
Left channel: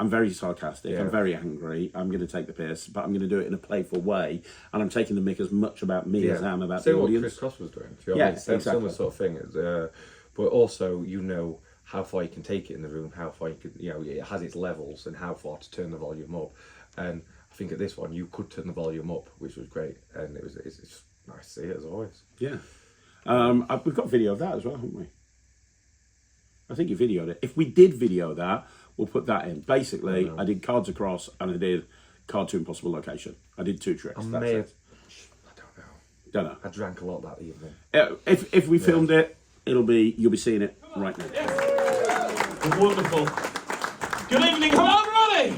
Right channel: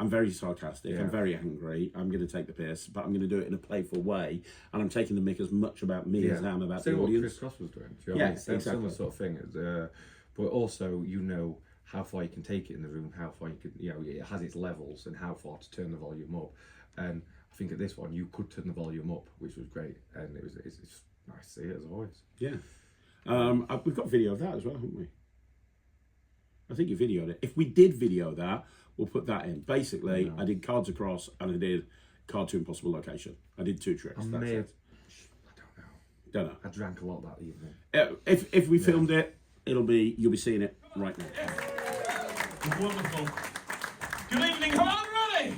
I'm very sarcastic. I'm very angry. I'm going to take the piss, but I'm going to do it in a playful way, and I'm taking the mick as much about me as I am about the audience. What Chris Cross was doing. Do you know what I mean? Exactly. Similar sort of thing. But also, how far you can take it in the room, how far you can, it has its levels and how far to turn the volume up. And I think at this one, you could turn the volume up, which was great. And it's nice to see it as always. Yeah. We've got video of that as well, haven't we? I think you videoed it. If we did video that, we'll put that in. Basically, I did Cards Across and I did Card to Impossible Location. I did 2 tricks. I don't know. I drank a lot that evening. If we filmed it, you'll be seeing it right now. Wonderful. Good evening. Hello, everybody.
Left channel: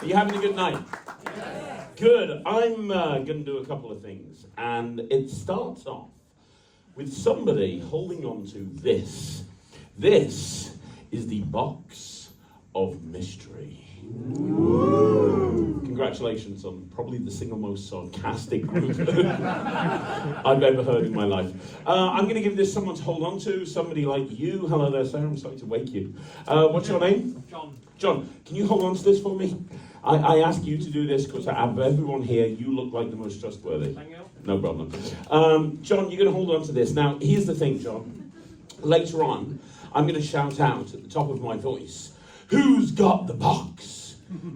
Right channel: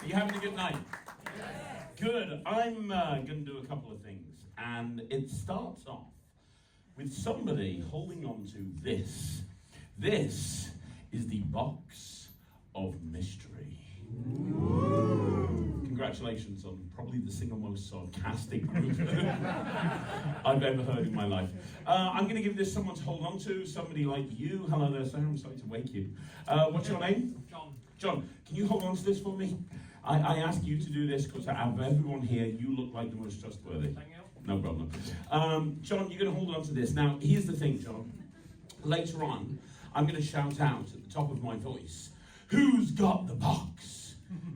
Are you having a good night? Yeah. Good. I'm going to do a couple of things. And it starts off with somebody holding on to this. This is the box of mystery. Ooh. Congratulations on probably the single most sarcastic group I've ever heard in my life. I'm going to give this someone to hold on to, somebody like you. Hello there, sir. I'm sorry to wake you. What's your name? John. John, can you hold on to this for me? I ask you to do this because out of everyone here, you look like the most trustworthy. Thank you. No problem. John, you're going to hold on to this. Now, here's the thing, John. Later on, I'm going to shout out at the top of my voice, "Who's got the box?"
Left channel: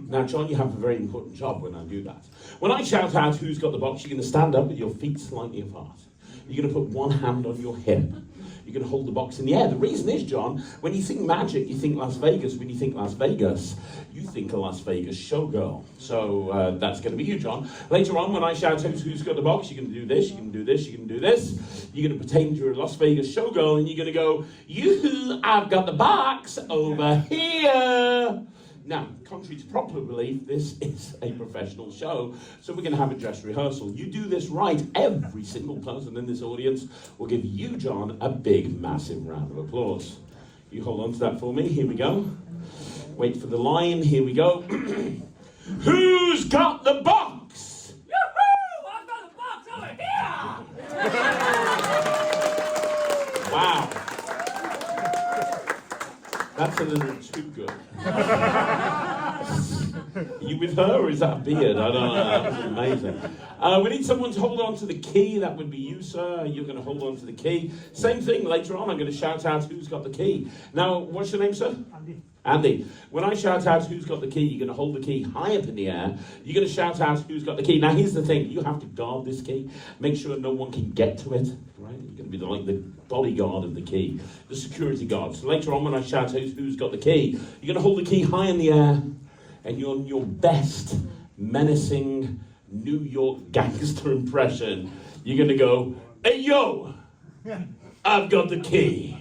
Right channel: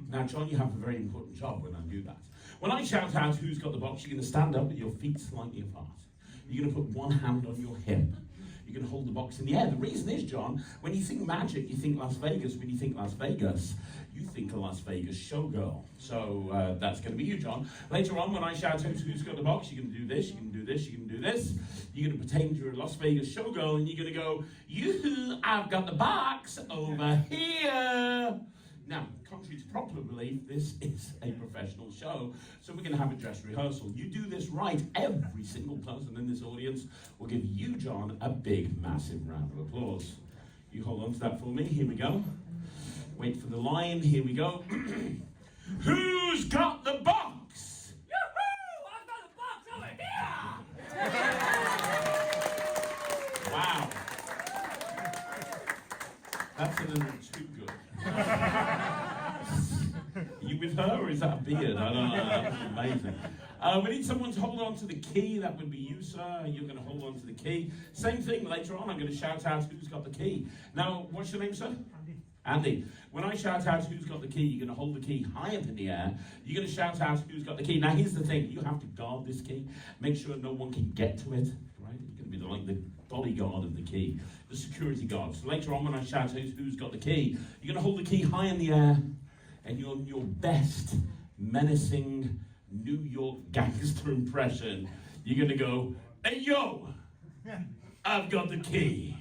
Now, John, you have a very important job when I do that. When I shout out, "Who's got the box?" you're going to stand up with your feet slightly apart. You're going to put one hand on your hip. You're going to hold the box in the air. The reason is, John, when you think magic, you think Las Vegas. When you think Las Vegas, you think a Las Vegas showgirl. So that's going to be you, John. Later on, when I shout out, "Who's got the box?" you're going to do this, you're going to do this, you're going to do this. You're going to pretend you're a Las Vegas showgirl, and you're going to go, "You, I've got the box over here." Now, contrary to popular belief, this is a professional show, so we're going to have a dress rehearsal. You do this right, every single person in this audience will give you, John, a big, massive round of applause. You hold on to that for me. Here we go. Wait for the line. Here we go. Who's got the box? Yoo-hoo! I've got the box over here! Wow. That's a little too good. Are you with her or is that a beard? I don't know. That was amazing. We need someone to hold on to the key. That would be you, sir. You're going to hold on to the key. Same thing later on. I'm going to shout out who's got the key. Now, what's your name, sir? Andy. Andy. When I shout out who's got the key, you're going to hold the key high up in the air. You're going to shout out who's got the key. Now, here's the thing. You have to guard this key. Make sure no one can get to it. Right? You're going to be like the bodyguard of the key, the security guard. So later on, when I shout out who's got the key, you're going to hold the key high in the air, and you're on your best menacing New York gangster impression. You're going to go, "Hey, yo, I've got the key."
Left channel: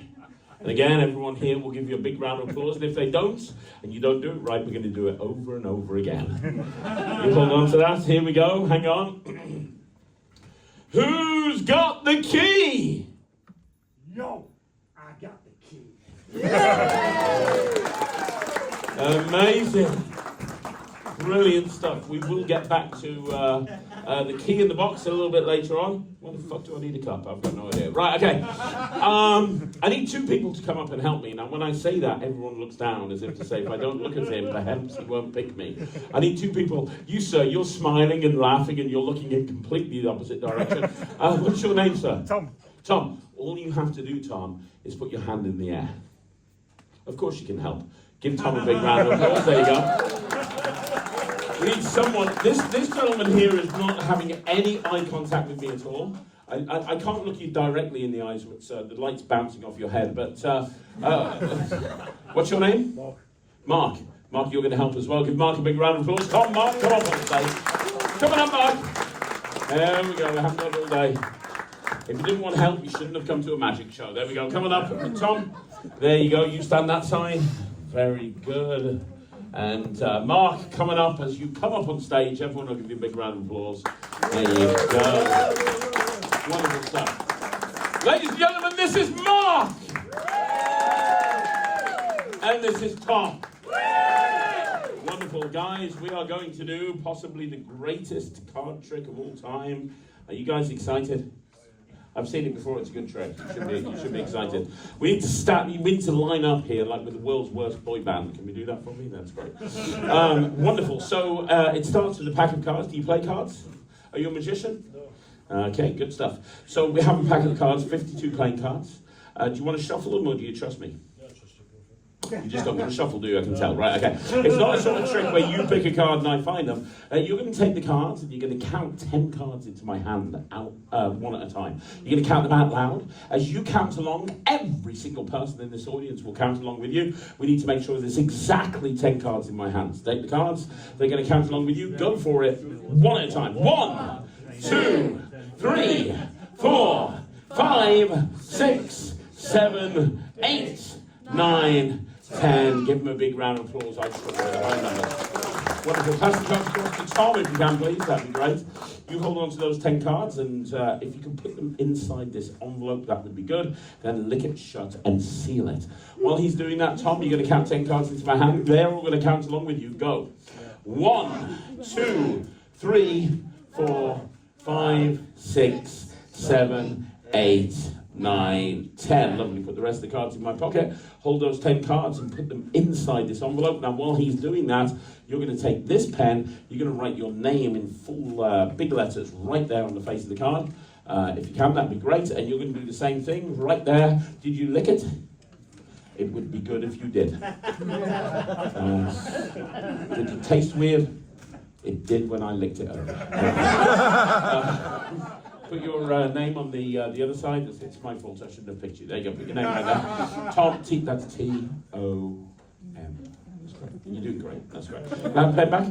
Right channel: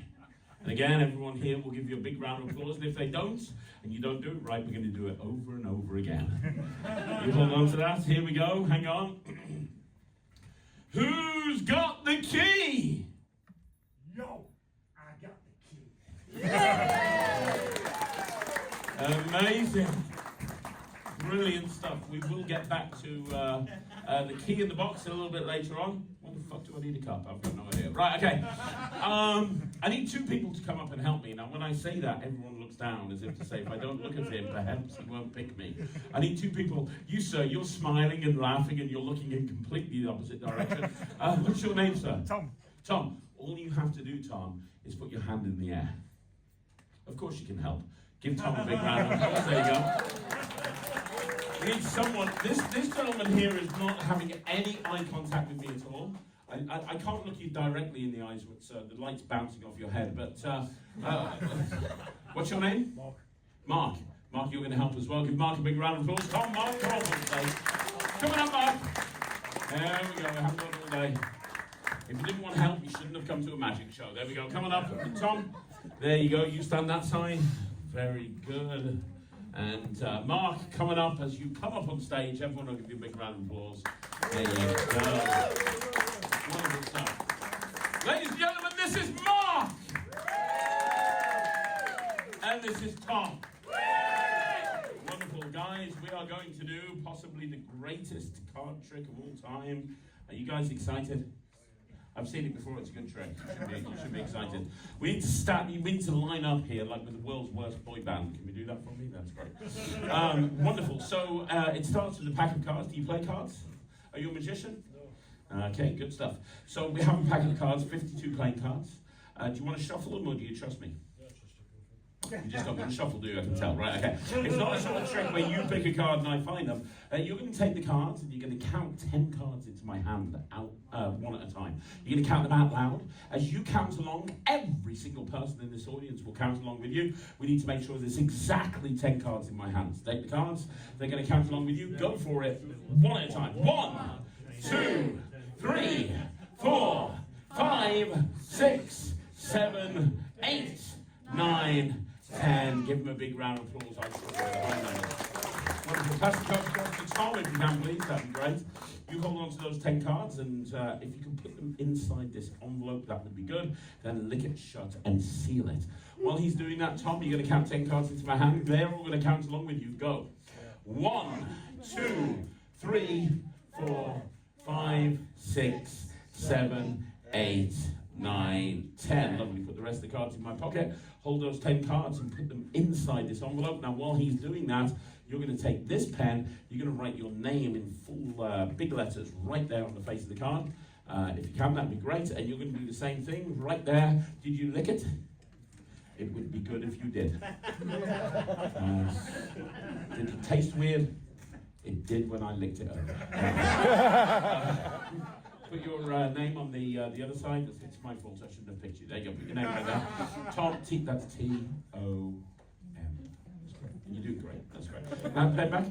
And again, everyone here will give you a big round of applause. And if they don't, and you don't do it right, we're going to do it over and over again. You hold on to that. Here we go. Hang on. Who's got the key? Yo, I got the key. Amazing. Brilliant stuff. We will get back to the key in the box a little bit later on. What the fuck do I need a cup? I've got no idea. Right, okay. I need two people to come up and help me. Now, when I say that, everyone looks down as if to say, if I don't look at him, perhaps he won't pick me. I need two people. You, sir, you're smiling and laughing and you're looking in completely the opposite direction. What's your name, sir? Tom. Tom. All you have to do, Tom, is put your hand in the air. Of course you can help. Give Tom a big round of applause. There you go. We need someone. This gentleman here is not having any eye contact with me at all. I can't look you directly in the eyes with the light's bouncing off your head. But what's your name? Mark. Mark. Mark, you're going to help as well. Give Mark a big round of applause. Tom, Mark, come up on stage. Come on up, Mark. There we go. We haven't done it all day. If you didn't want help, you shouldn't have come to a magic show. There we go. Come on up, Tom. There you go. You stand that side. Very good. And Mark, coming up, as you come up on stage, everyone will give you a big round of applause. There you go. Wonderful stuff. Ladies and gentlemen, this is Mark. And this is Tom. Wonderful, guys. We are going to do possibly the greatest card trick of all time. Are you guys excited? I've seen it before, it's a good trick. You should be excited. We need to line up here like with the world's worst boy band. Can we do that for me? That's great. Wonderful. So it starts with a pack of cards. Do you play cards? Are you a magician? No. Okay, good stuff. So we have a pack of cards, 52 playing cards. Do you want to shuffle them or do you trust me? You just don't want to shuffle, do you? I can tell. Right, okay. It's not a sort of trick where you pick a card and I find them. You're going to take the cards and you're going to count 10 cards into my hand out one at a time. You're going to count them out loud. As you count along, every single person in this audience will count along with you. We need to make sure there's exactly 10 cards in my hands. Take the cards. They're going to count along with you. Go for it. One at a time. 1, 2, 3, 4, 5, 6, 7, 8, 9, 10. Give him a big round of applause. I just wonderful. Pass the cards across to Tom if you can, please. That'd be great. You hold on to those 10 cards, and if you can put them inside this envelope, that would be good. Then lick it shut and seal it. While he's doing that, Tom, you're going to count 10 cards into my hand. They're all going to count along with you. Go. 1, 2, 3, 4, 5, 6, 7, 8, 9, 10. Lovely. Put the rest of the cards in my pocket. Hold those 10 cards and put them inside this envelope. Now, while he's doing that, you're going to take this pen. You're going to write your name in full big letters right there on the face of the card. If you can, that'd be great. And you're going to do the same thing right there. Did you lick it? It would be good if you did. Did it taste weird? It did when I licked it over. Put your name on the other side. It's my fault. I shouldn't have picked you. There you go. Put your name right there. Tom. That's T-O-M. That's great. You're doing great. That's great. Now pen back.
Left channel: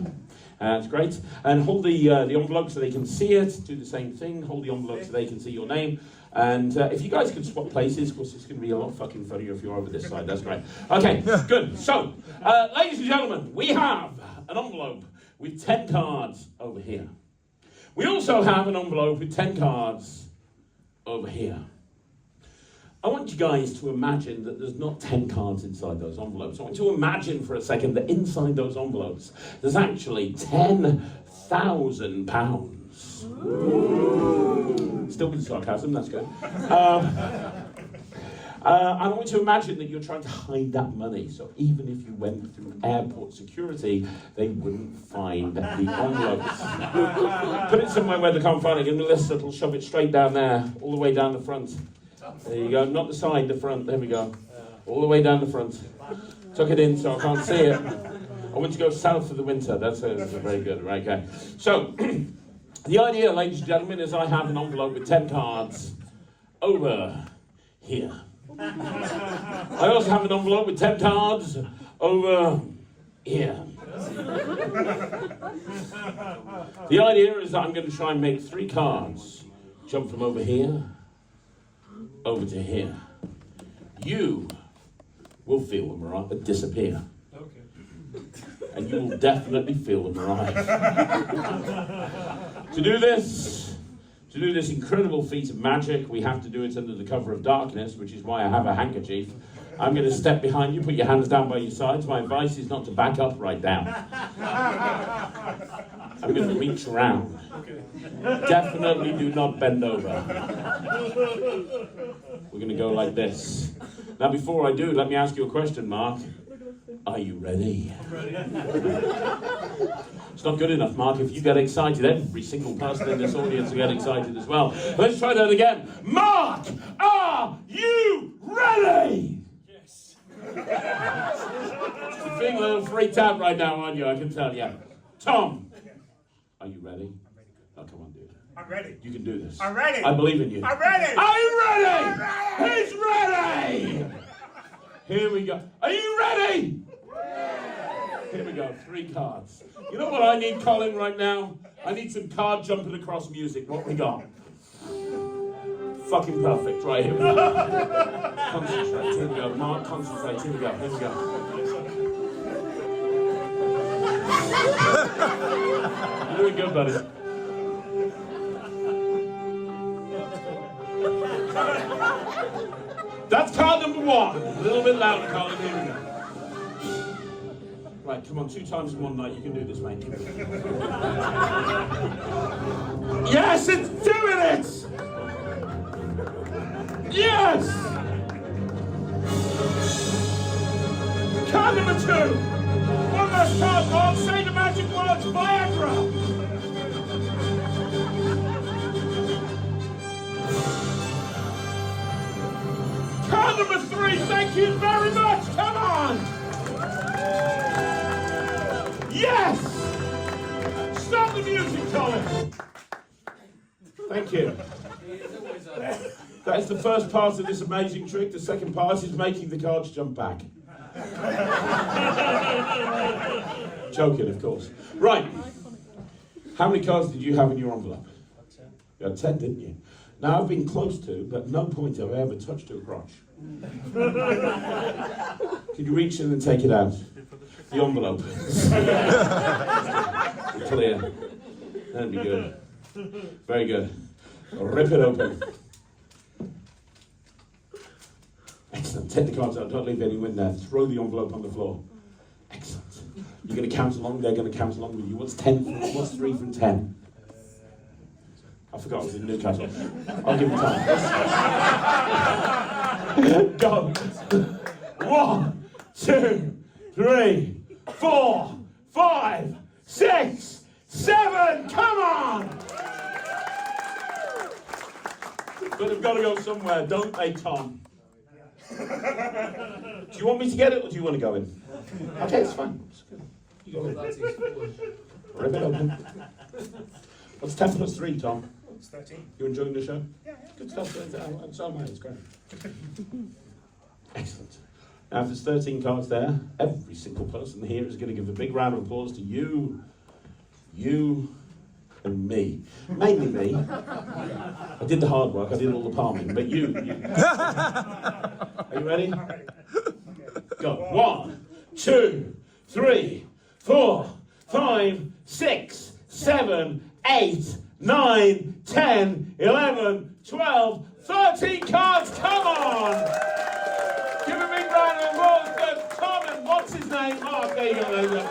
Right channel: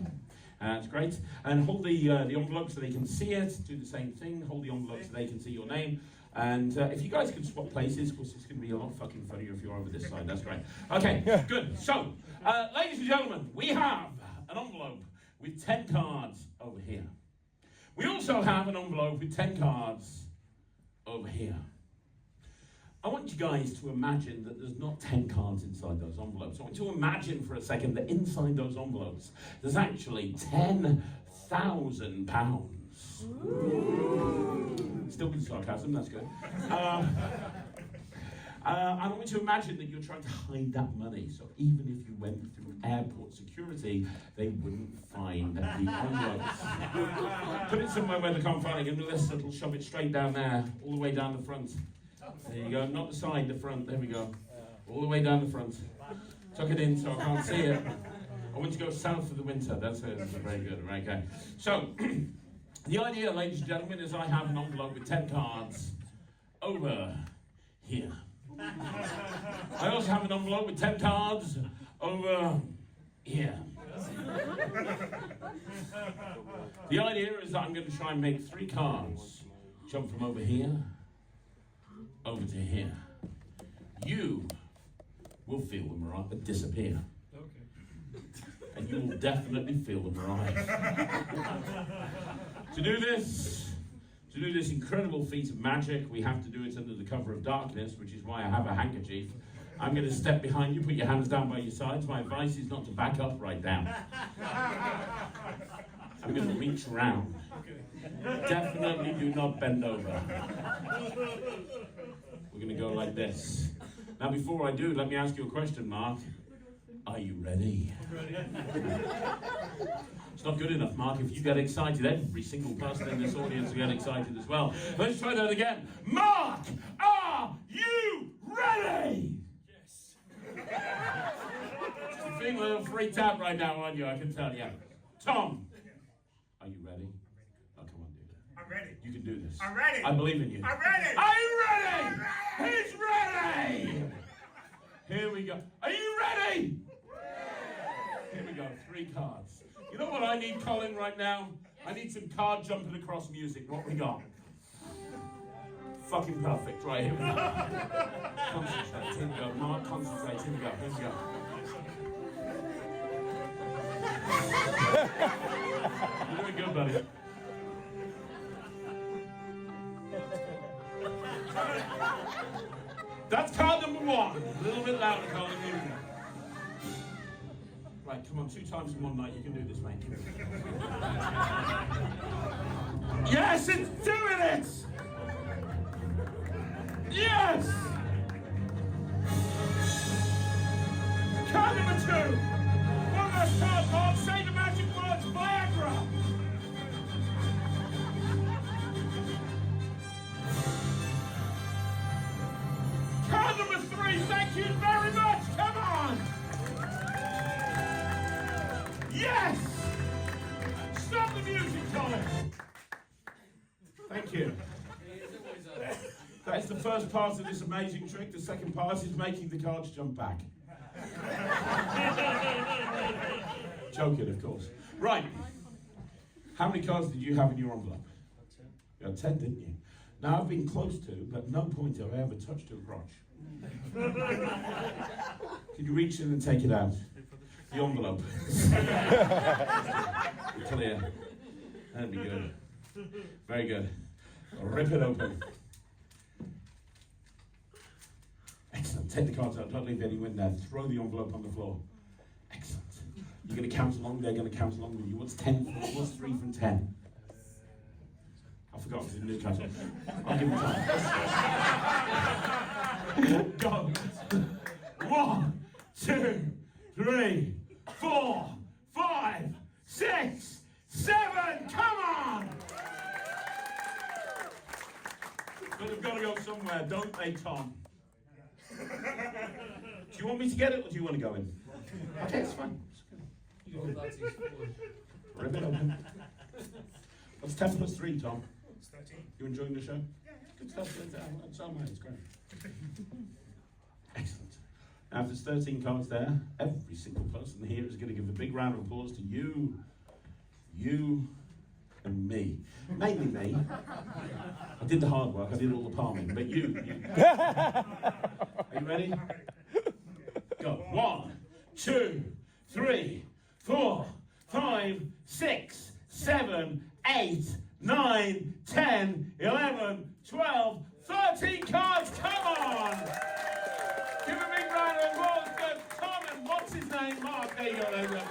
That's great. And hold the envelope so they can see it. Do the same thing. Hold the envelope so they can see your name. And if you guys can swap places, of course, it's going to be a lot fucking funnier if you're over this side. That's great. Okay, good. So, ladies and gentlemen, we have an envelope with 10 cards over here. We also have an envelope with 10 cards over here. I want you guys to imagine that there's not 10 cards inside those envelopes. I want you to imagine for a second that inside those envelopes there's actually £10,000. Still with sarcasm, that's good. I want you to imagine that you're trying to hide that money. So even if you went through airport security, they wouldn't find the envelopes. Put it somewhere where they can't find it. Give them a list that'll shove it straight down there, all the way down the front. There you go. Not the side, the front. There we go. All the way down the front. Tuck it in so I can't see it. I want to go south for the winter. That's very good. Right, okay. So the idea, ladies and gentlemen, is I have an envelope with 10 cards over here. I also have an envelope with 10 cards over here. The idea is that I'm going to try and make 3 cards jump from over here over to here. You will feel the mirage disappear. Okay. And you will definitely feel the mirage. To do this incredible feat of magic, we have to do it under the cover of darkness, which is why I have a handkerchief. I'm going to step behind you, put your hands down by your sides. My advice is not to back up right down. I'm going to reach around. Definitely do not bend over. We're going to go like this. Now, before I do, let me ask you a question, Mark. Are you ready? I'm ready. It's not good enough, Mark. If you get excited, every single person in this audience will get excited as well. Let's try that again. Mark, are you ready? Yes. You're feeling a little freaked out right now, aren't you? I can tell you. Tom, are you ready? Oh, come on, dude. I'm ready. You can do this. I'm ready. I believe in you. I'm ready. Are you ready? I'm ready. He's ready. Here we go. Are you ready? Here we go. 3 cards. You know what I need, Colin, right now? I need some card jumping across music. What we got? Fucking perfect. Right, here we go. Concentrate. Here we go. Mark, concentrate. Here we go. Here we go. You're doing good, buddy. That's card number 1. A little bit louder, Colin. Here we go. Right, come on, 2 times in one night. You can do this, mate. Yes, it's doing it! Yes! Card number 2. One last card, Mark. Say the magic words, Viagra. Card number 3, thank you very much. Come on. Yes! Stop the music, Colin. Thank you. That is the first part of this amazing trick. The second part is making the cards jump back. Joking, of course. Right. How many cards did you have in your envelope? 10. You had 10, didn't you? Now, I've been close to, but no point have I ever touched your crotch. Can you reach in and take it out? The envelope. Clear. That'd be good. Very good. Rip it open. Excellent. Take the cards out. Don't leave any in there. Throw the envelope on the floor. Excellent. You're going to count along. They're going to count along with you. What's 10? What's 3 from 10? I forgot it was in Newcastle. I'll give you time. Go. 1, 2, 3, 4, 5, 6, 7. Come on! But they've got to go somewhere, don't they, Tom? Do you want me to get it, or do you want to go in? Okay, it's fine. It's good. You go in. Rip it open. What's 10 plus 3, Tom? It's 13. You enjoying the show? Yeah. Good stuff. It's all mine. It's great. Excellent. Now, if there's 13 cards there, every single person here is going to give a big round of applause to you, and me. Mainly me. I did the hard work. I did all the palming. But you. Are you ready? I'm ready. Go. 1, 2, 3, 4, 5, 6, 7, 8, 9, 10, 11, 12, 13 cards. Come on! Give a big round of applause for Tom and what's his name? Mark. There you go. There you go.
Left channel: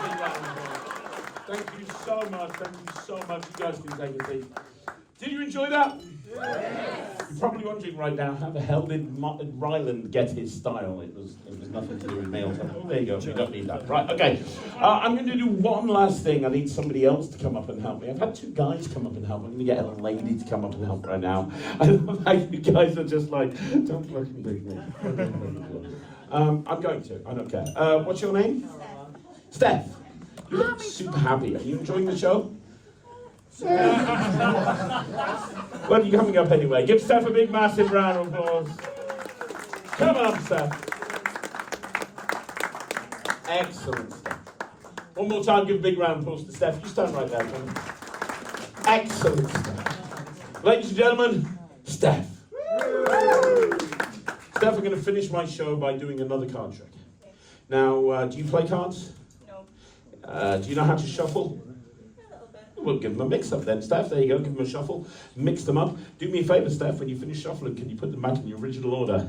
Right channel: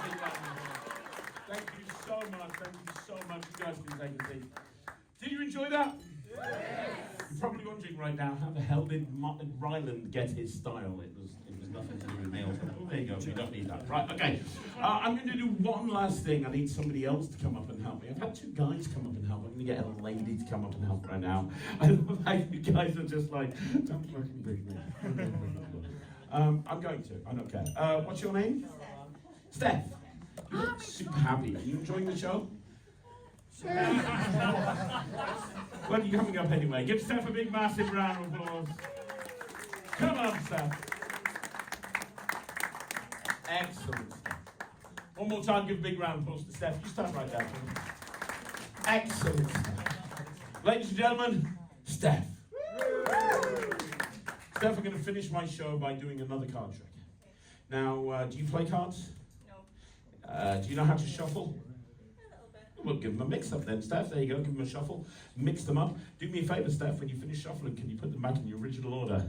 Thank you so much. Thank you so much. You guys can take a seat. Did you enjoy that? You're probably wondering right now, how the hell did Ryland get his style? It was nothing to do with me. Oh, there you go. You don't need that. Right, okay. I'm going to do one last thing. I need somebody else to come up and help me. I've had 2 guys come up and help. I'm going to get a lady to come up and help right now. I love how you guys are just like, don't look at me. I'm going to. I don't care. What's your name? Steph. You look super happy. Are you enjoying the show? Well, you're coming up anyway. Give Steph a big, massive round of applause. Come on, Steph. Excellent, Steph. One more time, give a big round of applause to Steph. You stand right there, Tom. Excellent, Steph. Ladies and gentlemen, Steph. Steph, I'm going to finish my show by doing another card trick. Now, do you play cards? No. Do you know how to shuffle? A little bit. We'll give them a mix-up then, Steph. There you go, give them a shuffle. Mix them up. Do me a favour, Steph, when you finish shuffling, can you put them back in the original order?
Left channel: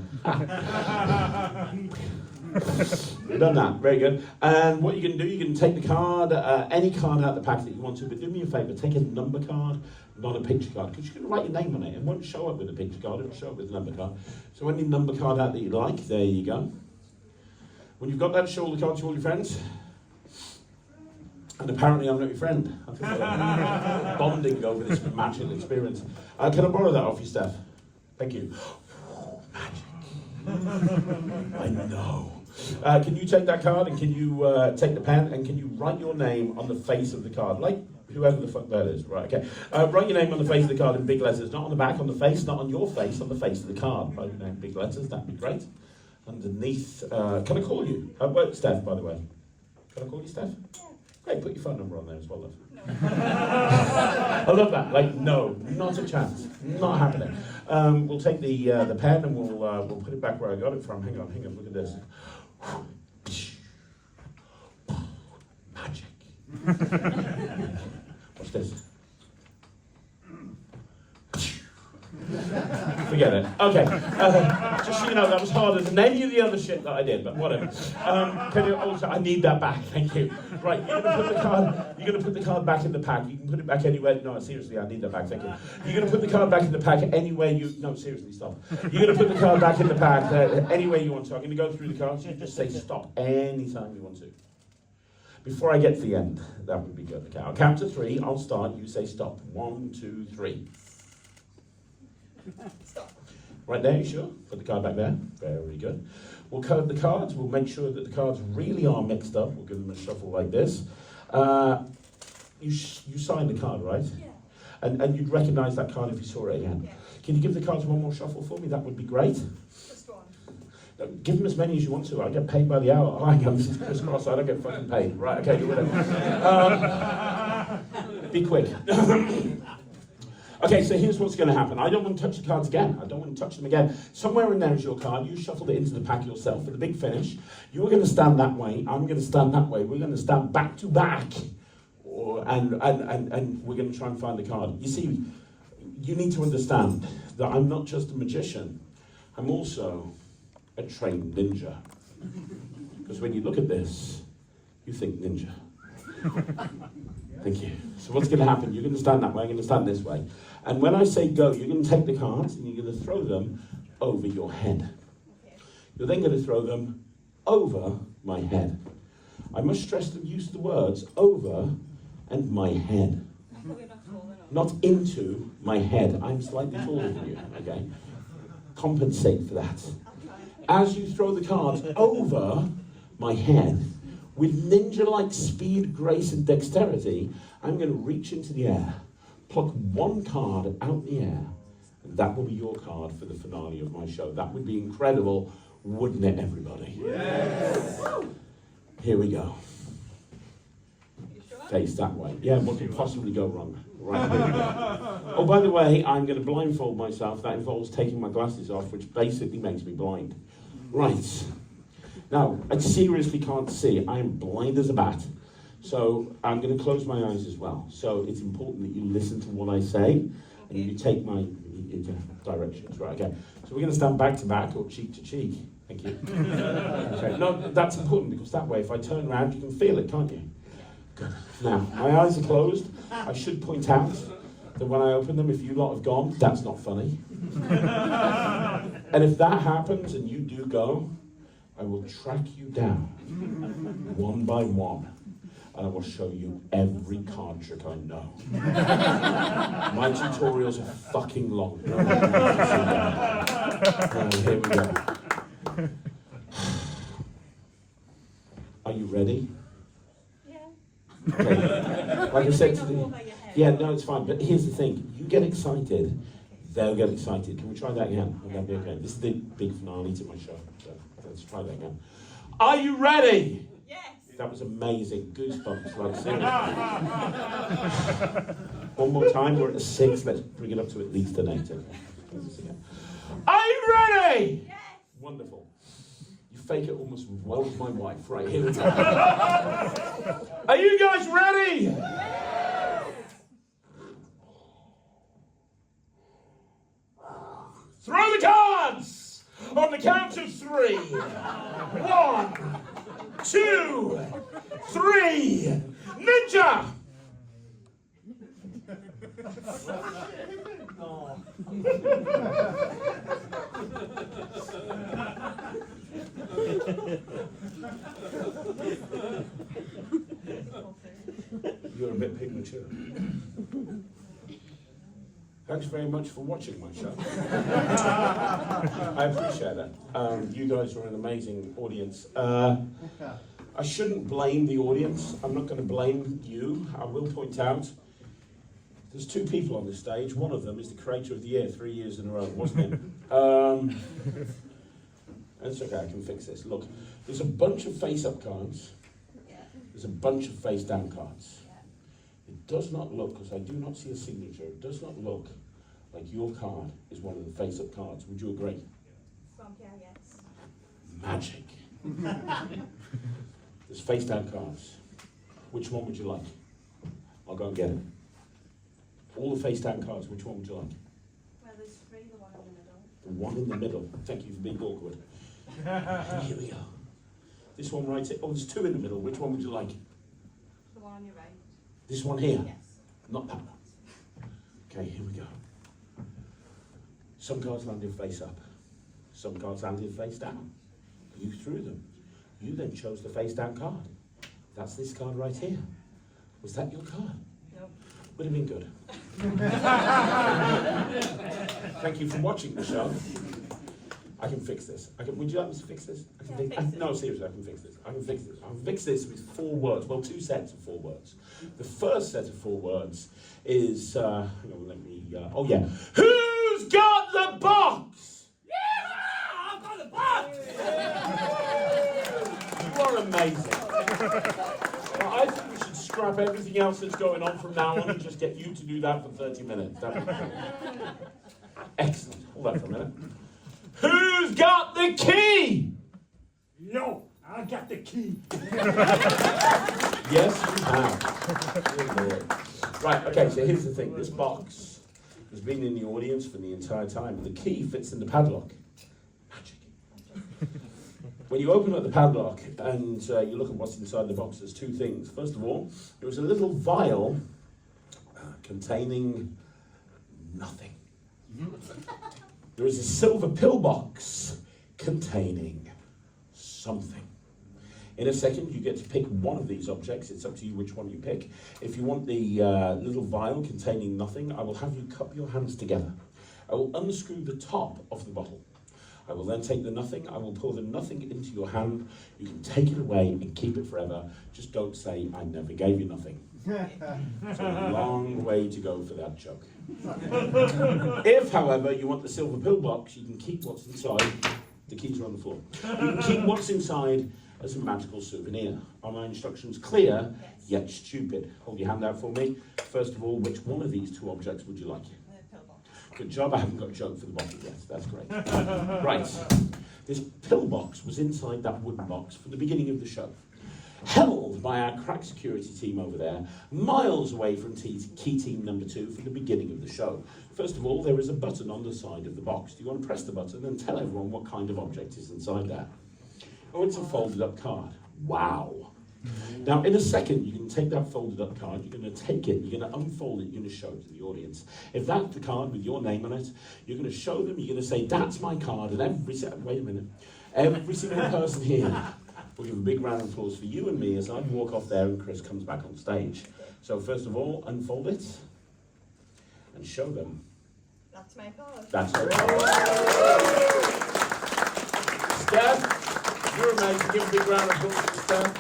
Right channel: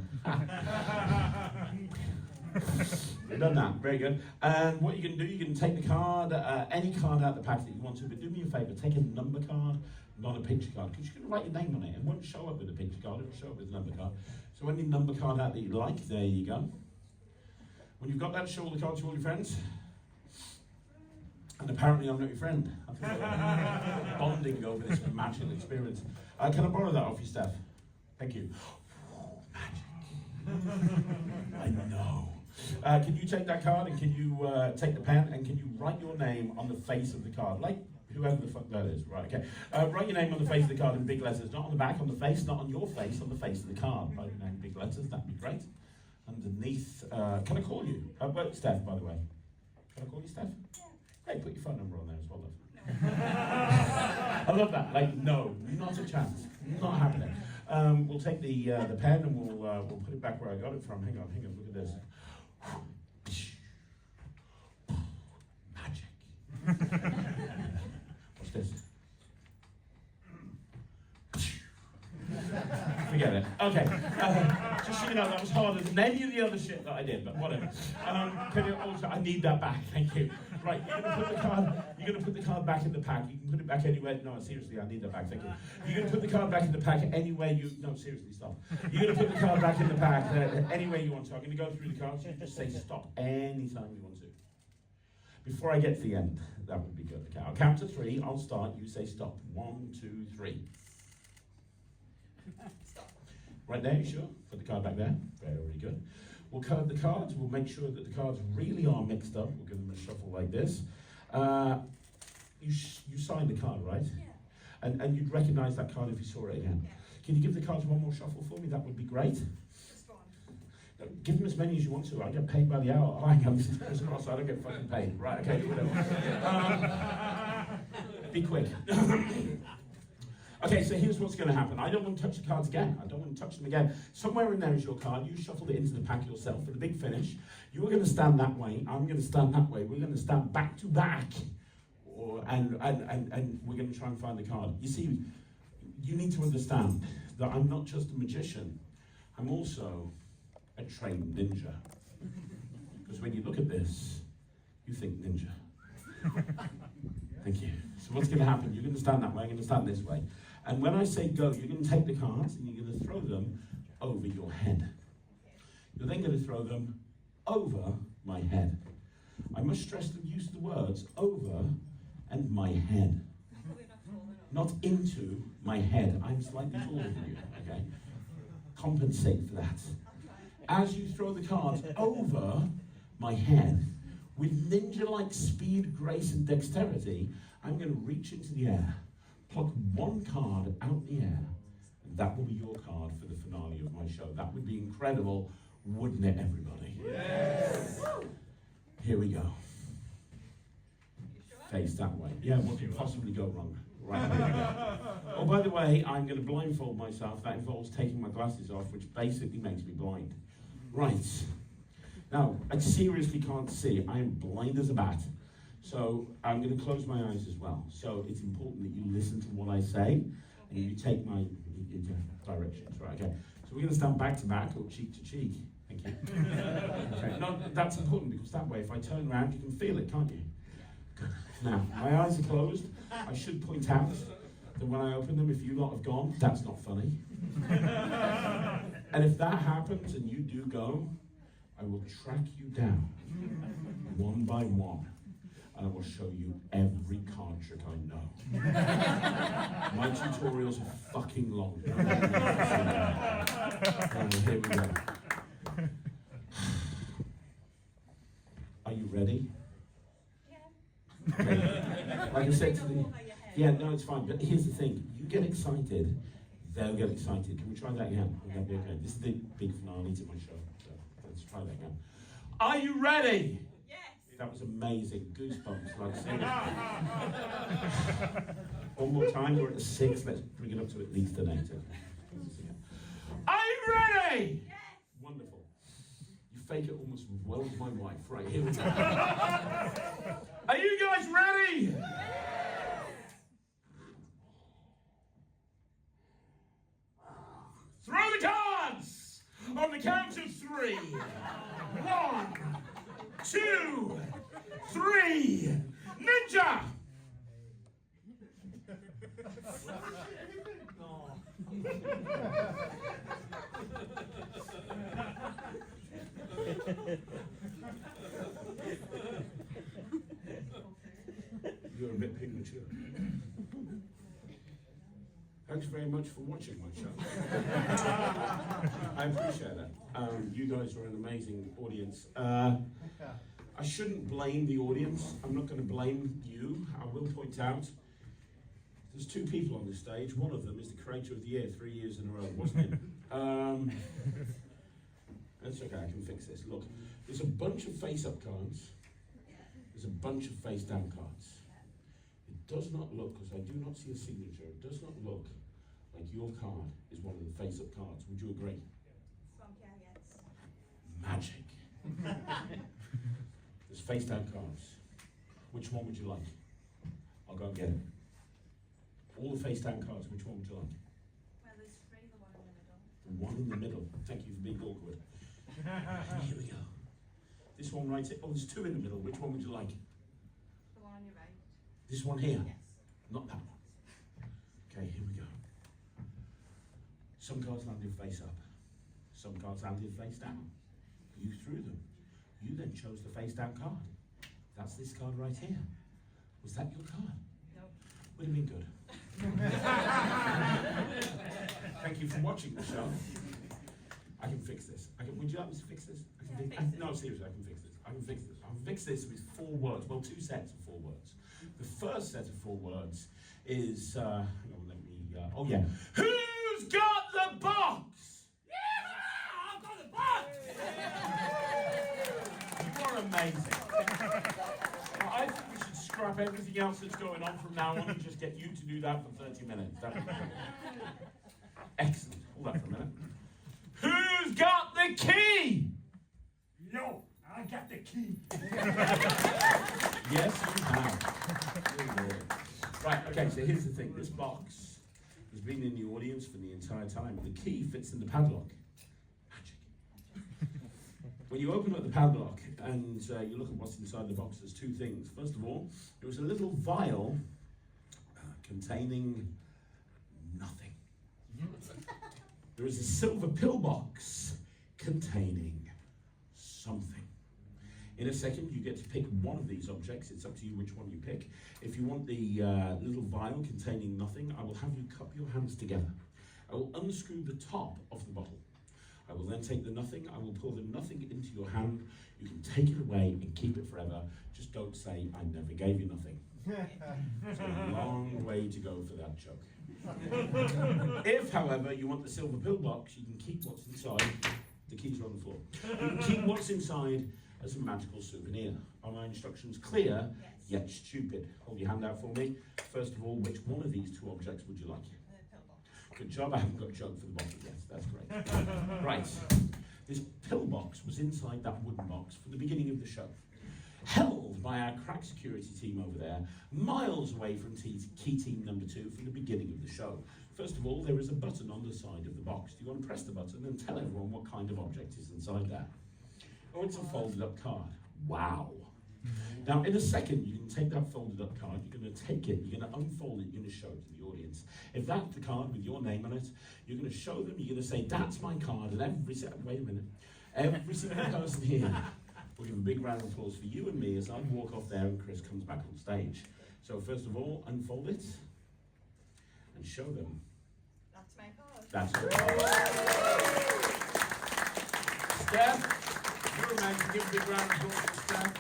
You've done that, very good. And what you can do, you can take the card, any card out of the pack that you want to, but do me a favour, take a number card, not a picture card, because you can write your name on it. It won't show up with a picture card, it'll show up with a number card. So any number card out that you like, there you go. When you've got that, show all the cards to all your friends. And apparently I'm not your friend. I think we're bonding over this magic experience. Can I borrow that off you, Steph? Thank you. Magic. I know. Can you take that card and can you take the pen and can you write your name on the face of the card? Like whoever the fuck that is. Right, okay. Write your name on the face of the card in big letters. Not on the back, on the face, not on your face, on the face of the card. Write your name in big letters, that'd be great. Underneath, can I call you? Steph, by the way. Can I call you Steph? Great, put your phone number on there as well, love. No. I love that. Like, no, not a chance. Not happening. We'll take the pen and we'll put it back where I got it from. Hang on, look at this. Magic. Watch this. Forget it. Okay. Just so you know, that was harder than any of the other shit that I did, but whatever. Can you also, I need that back. Thank you. Right, you're gonna put the card back in the pack. You can put it back anywhere. No, seriously, I need that back. Thank you. You're gonna put the card back in the pack anywhere you. No, seriously, stop. You're gonna put the card back in the pack anywhere you want to. I'm gonna go through the cards. You just say stop anytime you want to. Before I get to the end, that would be good. Okay, I'll count to 3. I'll start. You say stop. 1, 2, 3. Stop. Right there, you sure? Put the card back there. Very good. We'll code the cards. We'll make sure that the cards really are mixed up. We'll give them a shuffle like this. You signed the card, right? Yeah. And you'd recognise that card if you saw it again. Yeah. Can you give the cards one more shuffle for me? That would be great. Just one. No, give them as many as you want to. I get paid by the hour. I am crisscross. I don't get fucking paid. Right, okay, do whatever. Be quick. Okay, so here's what's going to happen. I don't want to touch the cards again. I don't want to touch them again. Somewhere in there is your card. You shuffled it into the pack yourself for the big finish. You're going to stand that way. I'm going to stand that way. We're going to stand back to back. And we're going to try and find the card. You see, you need to understand that I'm not just a magician. I'm also a trained ninja. Because when you look at this, you think ninja. Thank you. So what's going to happen? You're going to stand that way. I'm going to stand this way. And when I say go, you're going to take the cards and you're going to throw them over your head. Okay. You're then going to throw them over my head. I must stress the use of the words over and my head. Probably not falling off. Not into my head. I'm slightly taller than you, okay? Compensate for that. I'll try. As you throw the cards over my head, with ninja-like speed, grace, and dexterity, I'm going to reach into the air, pluck one card out the air, and that will be your card for the finale of my show. That would be incredible, wouldn't it, everybody? Yes. Here we go. You sure? Face that way. Yeah, what could possibly go wrong? Right here we go. Oh, by the way, I'm going to blindfold myself. That involves taking my glasses off, which basically makes me blind. Right. Now, I seriously can't see. I am blind as a bat. So I'm going to close my eyes as well. So it's important that you listen to what I say and you take my directions. Right, okay. So we're going to stand back to back or cheek to cheek. Thank you. Okay. No, that's important because that way if I turn around you can feel it, can't you? Good. Now, my eyes are closed. I should point out that when I open them, if you lot have gone, that's not funny. And if that happens and you do go, I will track you down, one by one, and I will show you every card trick I know. My tutorials are fucking long. Right, here we go. Are you ready? Yeah. Okay. Like I said to the... Over your head. Yeah, no, it's fine, but here's the thing. You get excited, they'll get excited. Can we try that again? Would that be okay? This is the big finale to my show. So let's try that again. Are you ready? Yes. That was amazing. Goosebumps, like seriously. One more time, we're at a 6. Let's bring it up to at least an 8. Okay. Are you ready? Yes. Wonderful. You fake it almost as well as my wife. Right, here we go. Are you guys ready? Throw the cards on the count of 3. 1, 2, 3. Ninja! You're a bit premature. Thanks very much for watching my show. I appreciate that. You guys are an amazing audience. I shouldn't blame the audience. I'm not going to blame you. I will point out there's 2 people on this stage. One of them is the creator of the year 3 years in a row, wasn't it? It's okay, I can fix this. Look, there's a bunch of face-up cards. There's a bunch of face-down cards. It does not look, because I do not see a signature, it does not look like your card is one of the face-up cards. Would you agree? From here, yes. Magic. There's face-down cards. Which one would you like? I'll go and get it. All the face-down cards, which one would you like? Well, there's 3, the one in the middle. The one in the middle. Thank you for being awkward. Here we go. This one right here. Oh, there's 2 in the middle. Which one would you like? The one on your right. This one here? Yes. Not that one. Okay, here we go. Some cards landed face up. Some cards landed face down. You threw them. You then chose the face down card. That's this card right here. Was that your card? Nope. Would have been good. Thank you for watching the show. I can fix this. Would you like me to fix this? Fix it. No, seriously, I can fix this. I can fix this. I can fix this with 4 words. Well, 2 sets of 4 words. The first set of 4 words is, hang on, let me, oh yeah. Who's got the box? Yeah! I've got the box! You are amazing. Now, I think we should scrap everything else that's going on from now on and just get you to do that for 30 minutes. Excellent. Hold on for a minute. Who's got the key? No, I got the key. Yes, you have. Good Lord. Right, okay, so here's the thing. This box has been in the audience for the entire time. The key fits in the padlock. Magic. When you open up the padlock and you look at what's inside the box, there's 2 things. First of all, there was a little vial containing nothing. There is a silver pillbox containing something. In a second, you get to pick one of these objects. It's up to you which one you pick. If you want the little vial containing nothing, I will have you cup your hands together. I will unscrew the top of the bottle. I will then take the nothing. I will pour the nothing into your hand. You can take it away and keep it forever. Just don't say, I never gave you nothing. It's a long way to go for that joke. If, however, you want the silver pillbox, you can keep what's inside. The keys are on the floor. You can keep what's inside as a magical souvenir. Are my instructions clear, yet stupid? Hold your hand out for me. First of all, which one of these 2 objects would you like? The pillbox. Good job, I haven't got a joke for the bottle yet. That's great. Right. This pillbox was inside that wooden box from the beginning of the show. Held by our crack security team over there, miles away from key team number 2 from the beginning of the show. First of all, there is a button on the side of the box. Do you want to press the button and tell everyone what kind of object is inside there? Oh, it's a folded up card. Wow. Now, in a second, you can take that folded up card, you're going to take it, you're going to unfold it, you're going to show it to the audience. If that's the card with your name on it, you're going to show them, you're going to say, that's my card, and every single person here will give a big round of applause for you and me as I walk off there and Chris comes back on stage. So first of all, unfold it and show them. That's my card. That's your card. Steph, you're amazing. Give a big round of applause for Steph.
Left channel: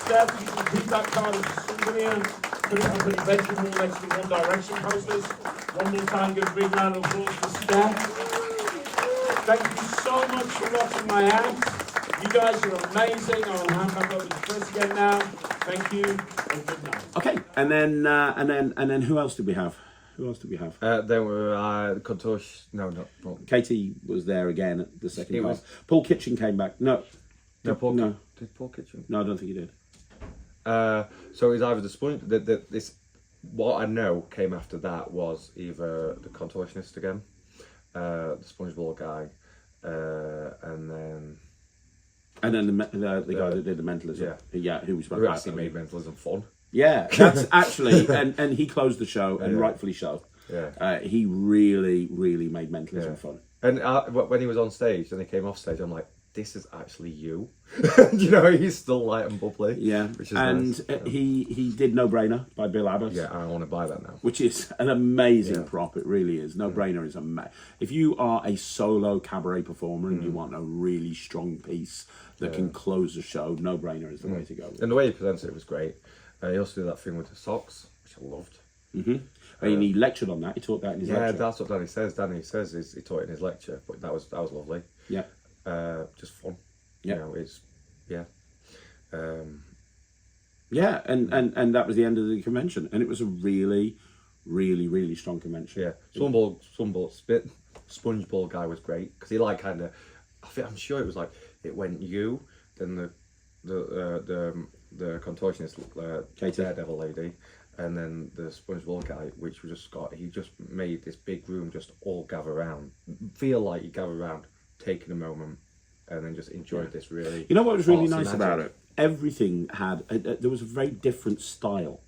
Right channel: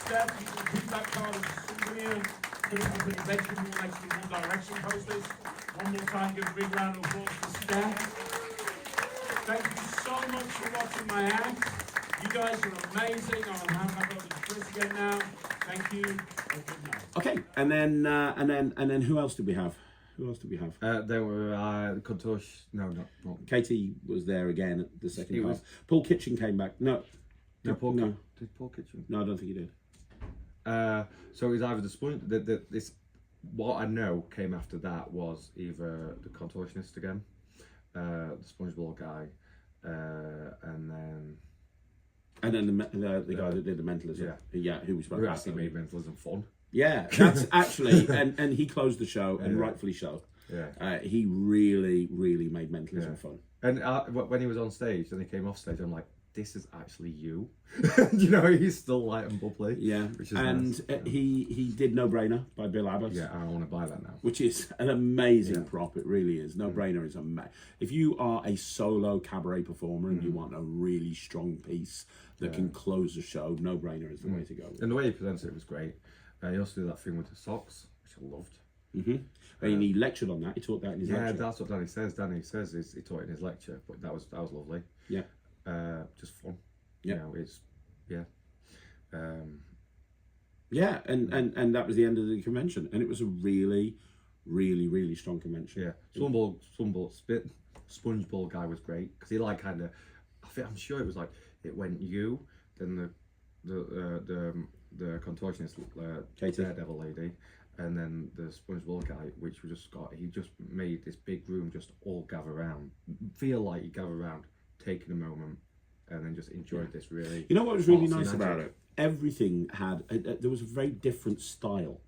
Steph, you can keep that card as a souvenir. Put it up in your bedroom wall next to the One Direction posters. One more time, give a big round of applause for Steph. Thank you so much for watching my act. You guys are amazing. I'll hand back over to Chris again now. Thank you and good night. Okay, and then who else did we have? Who else did we have? There were Contosh. No, not Paul. Katie was there again at the second He half. was. Paul Kitchen came back. No, No, Paul. no. Did Paul Kitchen? No, I don't think he did. So it was either the sponge. This what I know came after that was either the Contortionist again, the SpongeBall guy, and then the guy that did the mentalism. Yeah. Who was who actually made mentalism fun. Yeah, that's actually, and he closed the show, and rightfully so. Yeah. He really, really made mentalism fun. And when he was on stage and he came off stage, I'm like, this is actually you. You know, he's still light and bubbly. Yeah, which is and nice. He did No Brainer by Bill Abbott. Yeah, I want to buy that now. Which is an amazing prop. It really is. No Brainer is amazing. If you are a solo cabaret performer and you want a really strong piece that can close the show, No Brainer is the way to go. And the way he presented it was great. He also did that thing with the socks, which I loved. And he lectured on that. He taught that in his lecture. Yeah, that's what Danny says. Danny says he taught it in his lecture, but that was lovely. Yeah. Just fun. Yeah. You know, it's Yeah, and that was the end of the convention, and it was a really, really, really strong convention. yeah. SpongeBall guy was great because he like kind of. I'm sure it was like it went you, then the contortionist, Katie. Daredevil lady, and then the SpongeBall guy, which was just he just made this big room just all gather around, feel like you gather around, taking a moment, and then just enjoyed this really. You know what was really artsy nice magic. about it? Everything had there was a very different style.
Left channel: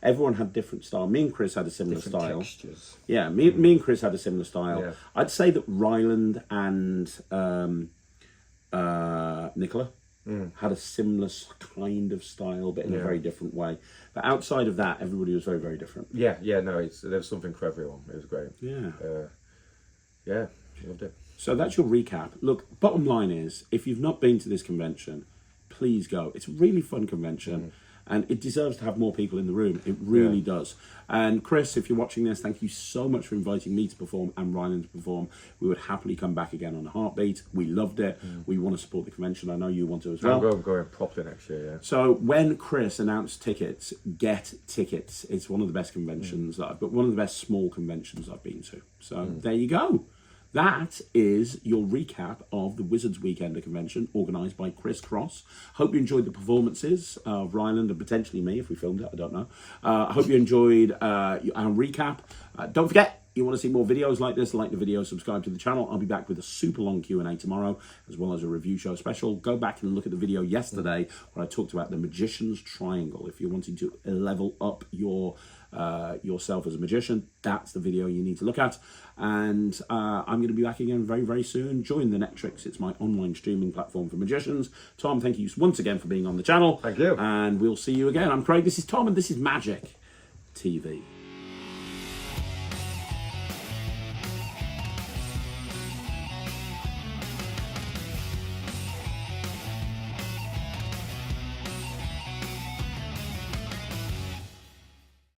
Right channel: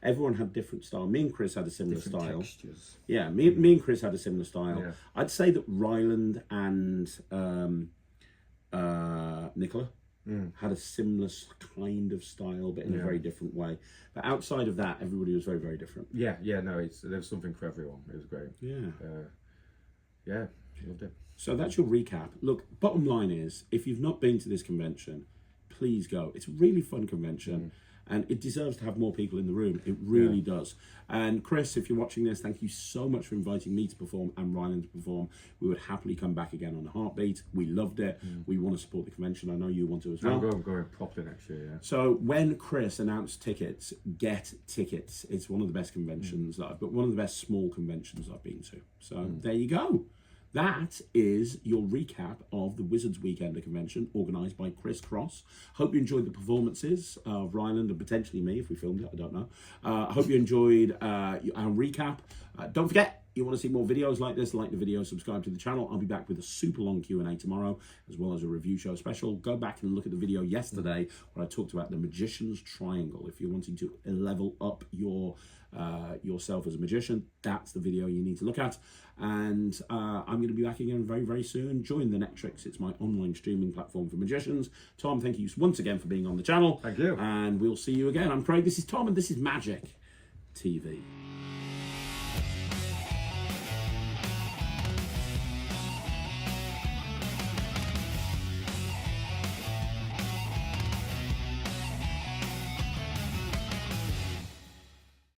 Everyone had different style. Me and Chris had a similar Different style. textures. Yeah, me and Chris had a similar style. Yeah. I'd say that Ryland and Nicola had a similar kind of style, but in a very different way. But outside of that, everybody was very, very different. Yeah, no, there was something for everyone. It was great. Yeah. Loved it. So that's your recap. Look, bottom line is, if you've not been to this convention, please go. It's a really fun convention. And it deserves to have more people in the room. It really does. And Chris, if you're watching this, thank you so much for inviting me to perform and Ryland to perform. We would happily come back again on a heartbeat. We loved it. We want to support the convention. I know you want to as well. I'm going properly next year, yeah. So when Chris announced tickets, get tickets. It's one of the best conventions that I've got, one of the best small conventions I've been to. So there you go. That is your recap of the Wizards Weekender convention organised by Chris Cross. Hope you enjoyed the performances of Ryland and potentially me if we filmed it, I don't know. I hope you enjoyed our recap. Don't forget, you want to see more videos like this, like the video, subscribe to the channel. I'll be back with a super long Q&A tomorrow, as well as a review show special. Go back and look at the video yesterday where I talked about the Magician's Triangle. If you're wanting to level up yourself as a magician, that's the video you need to look at. And I'm going to be back again very, very soon. Join the NETRIX. It's my online streaming platform for magicians. Tom, thank you once again for being on the channel. Thank you. And we'll see you again. I'm Craig. This is Tom, and this is Magic TV.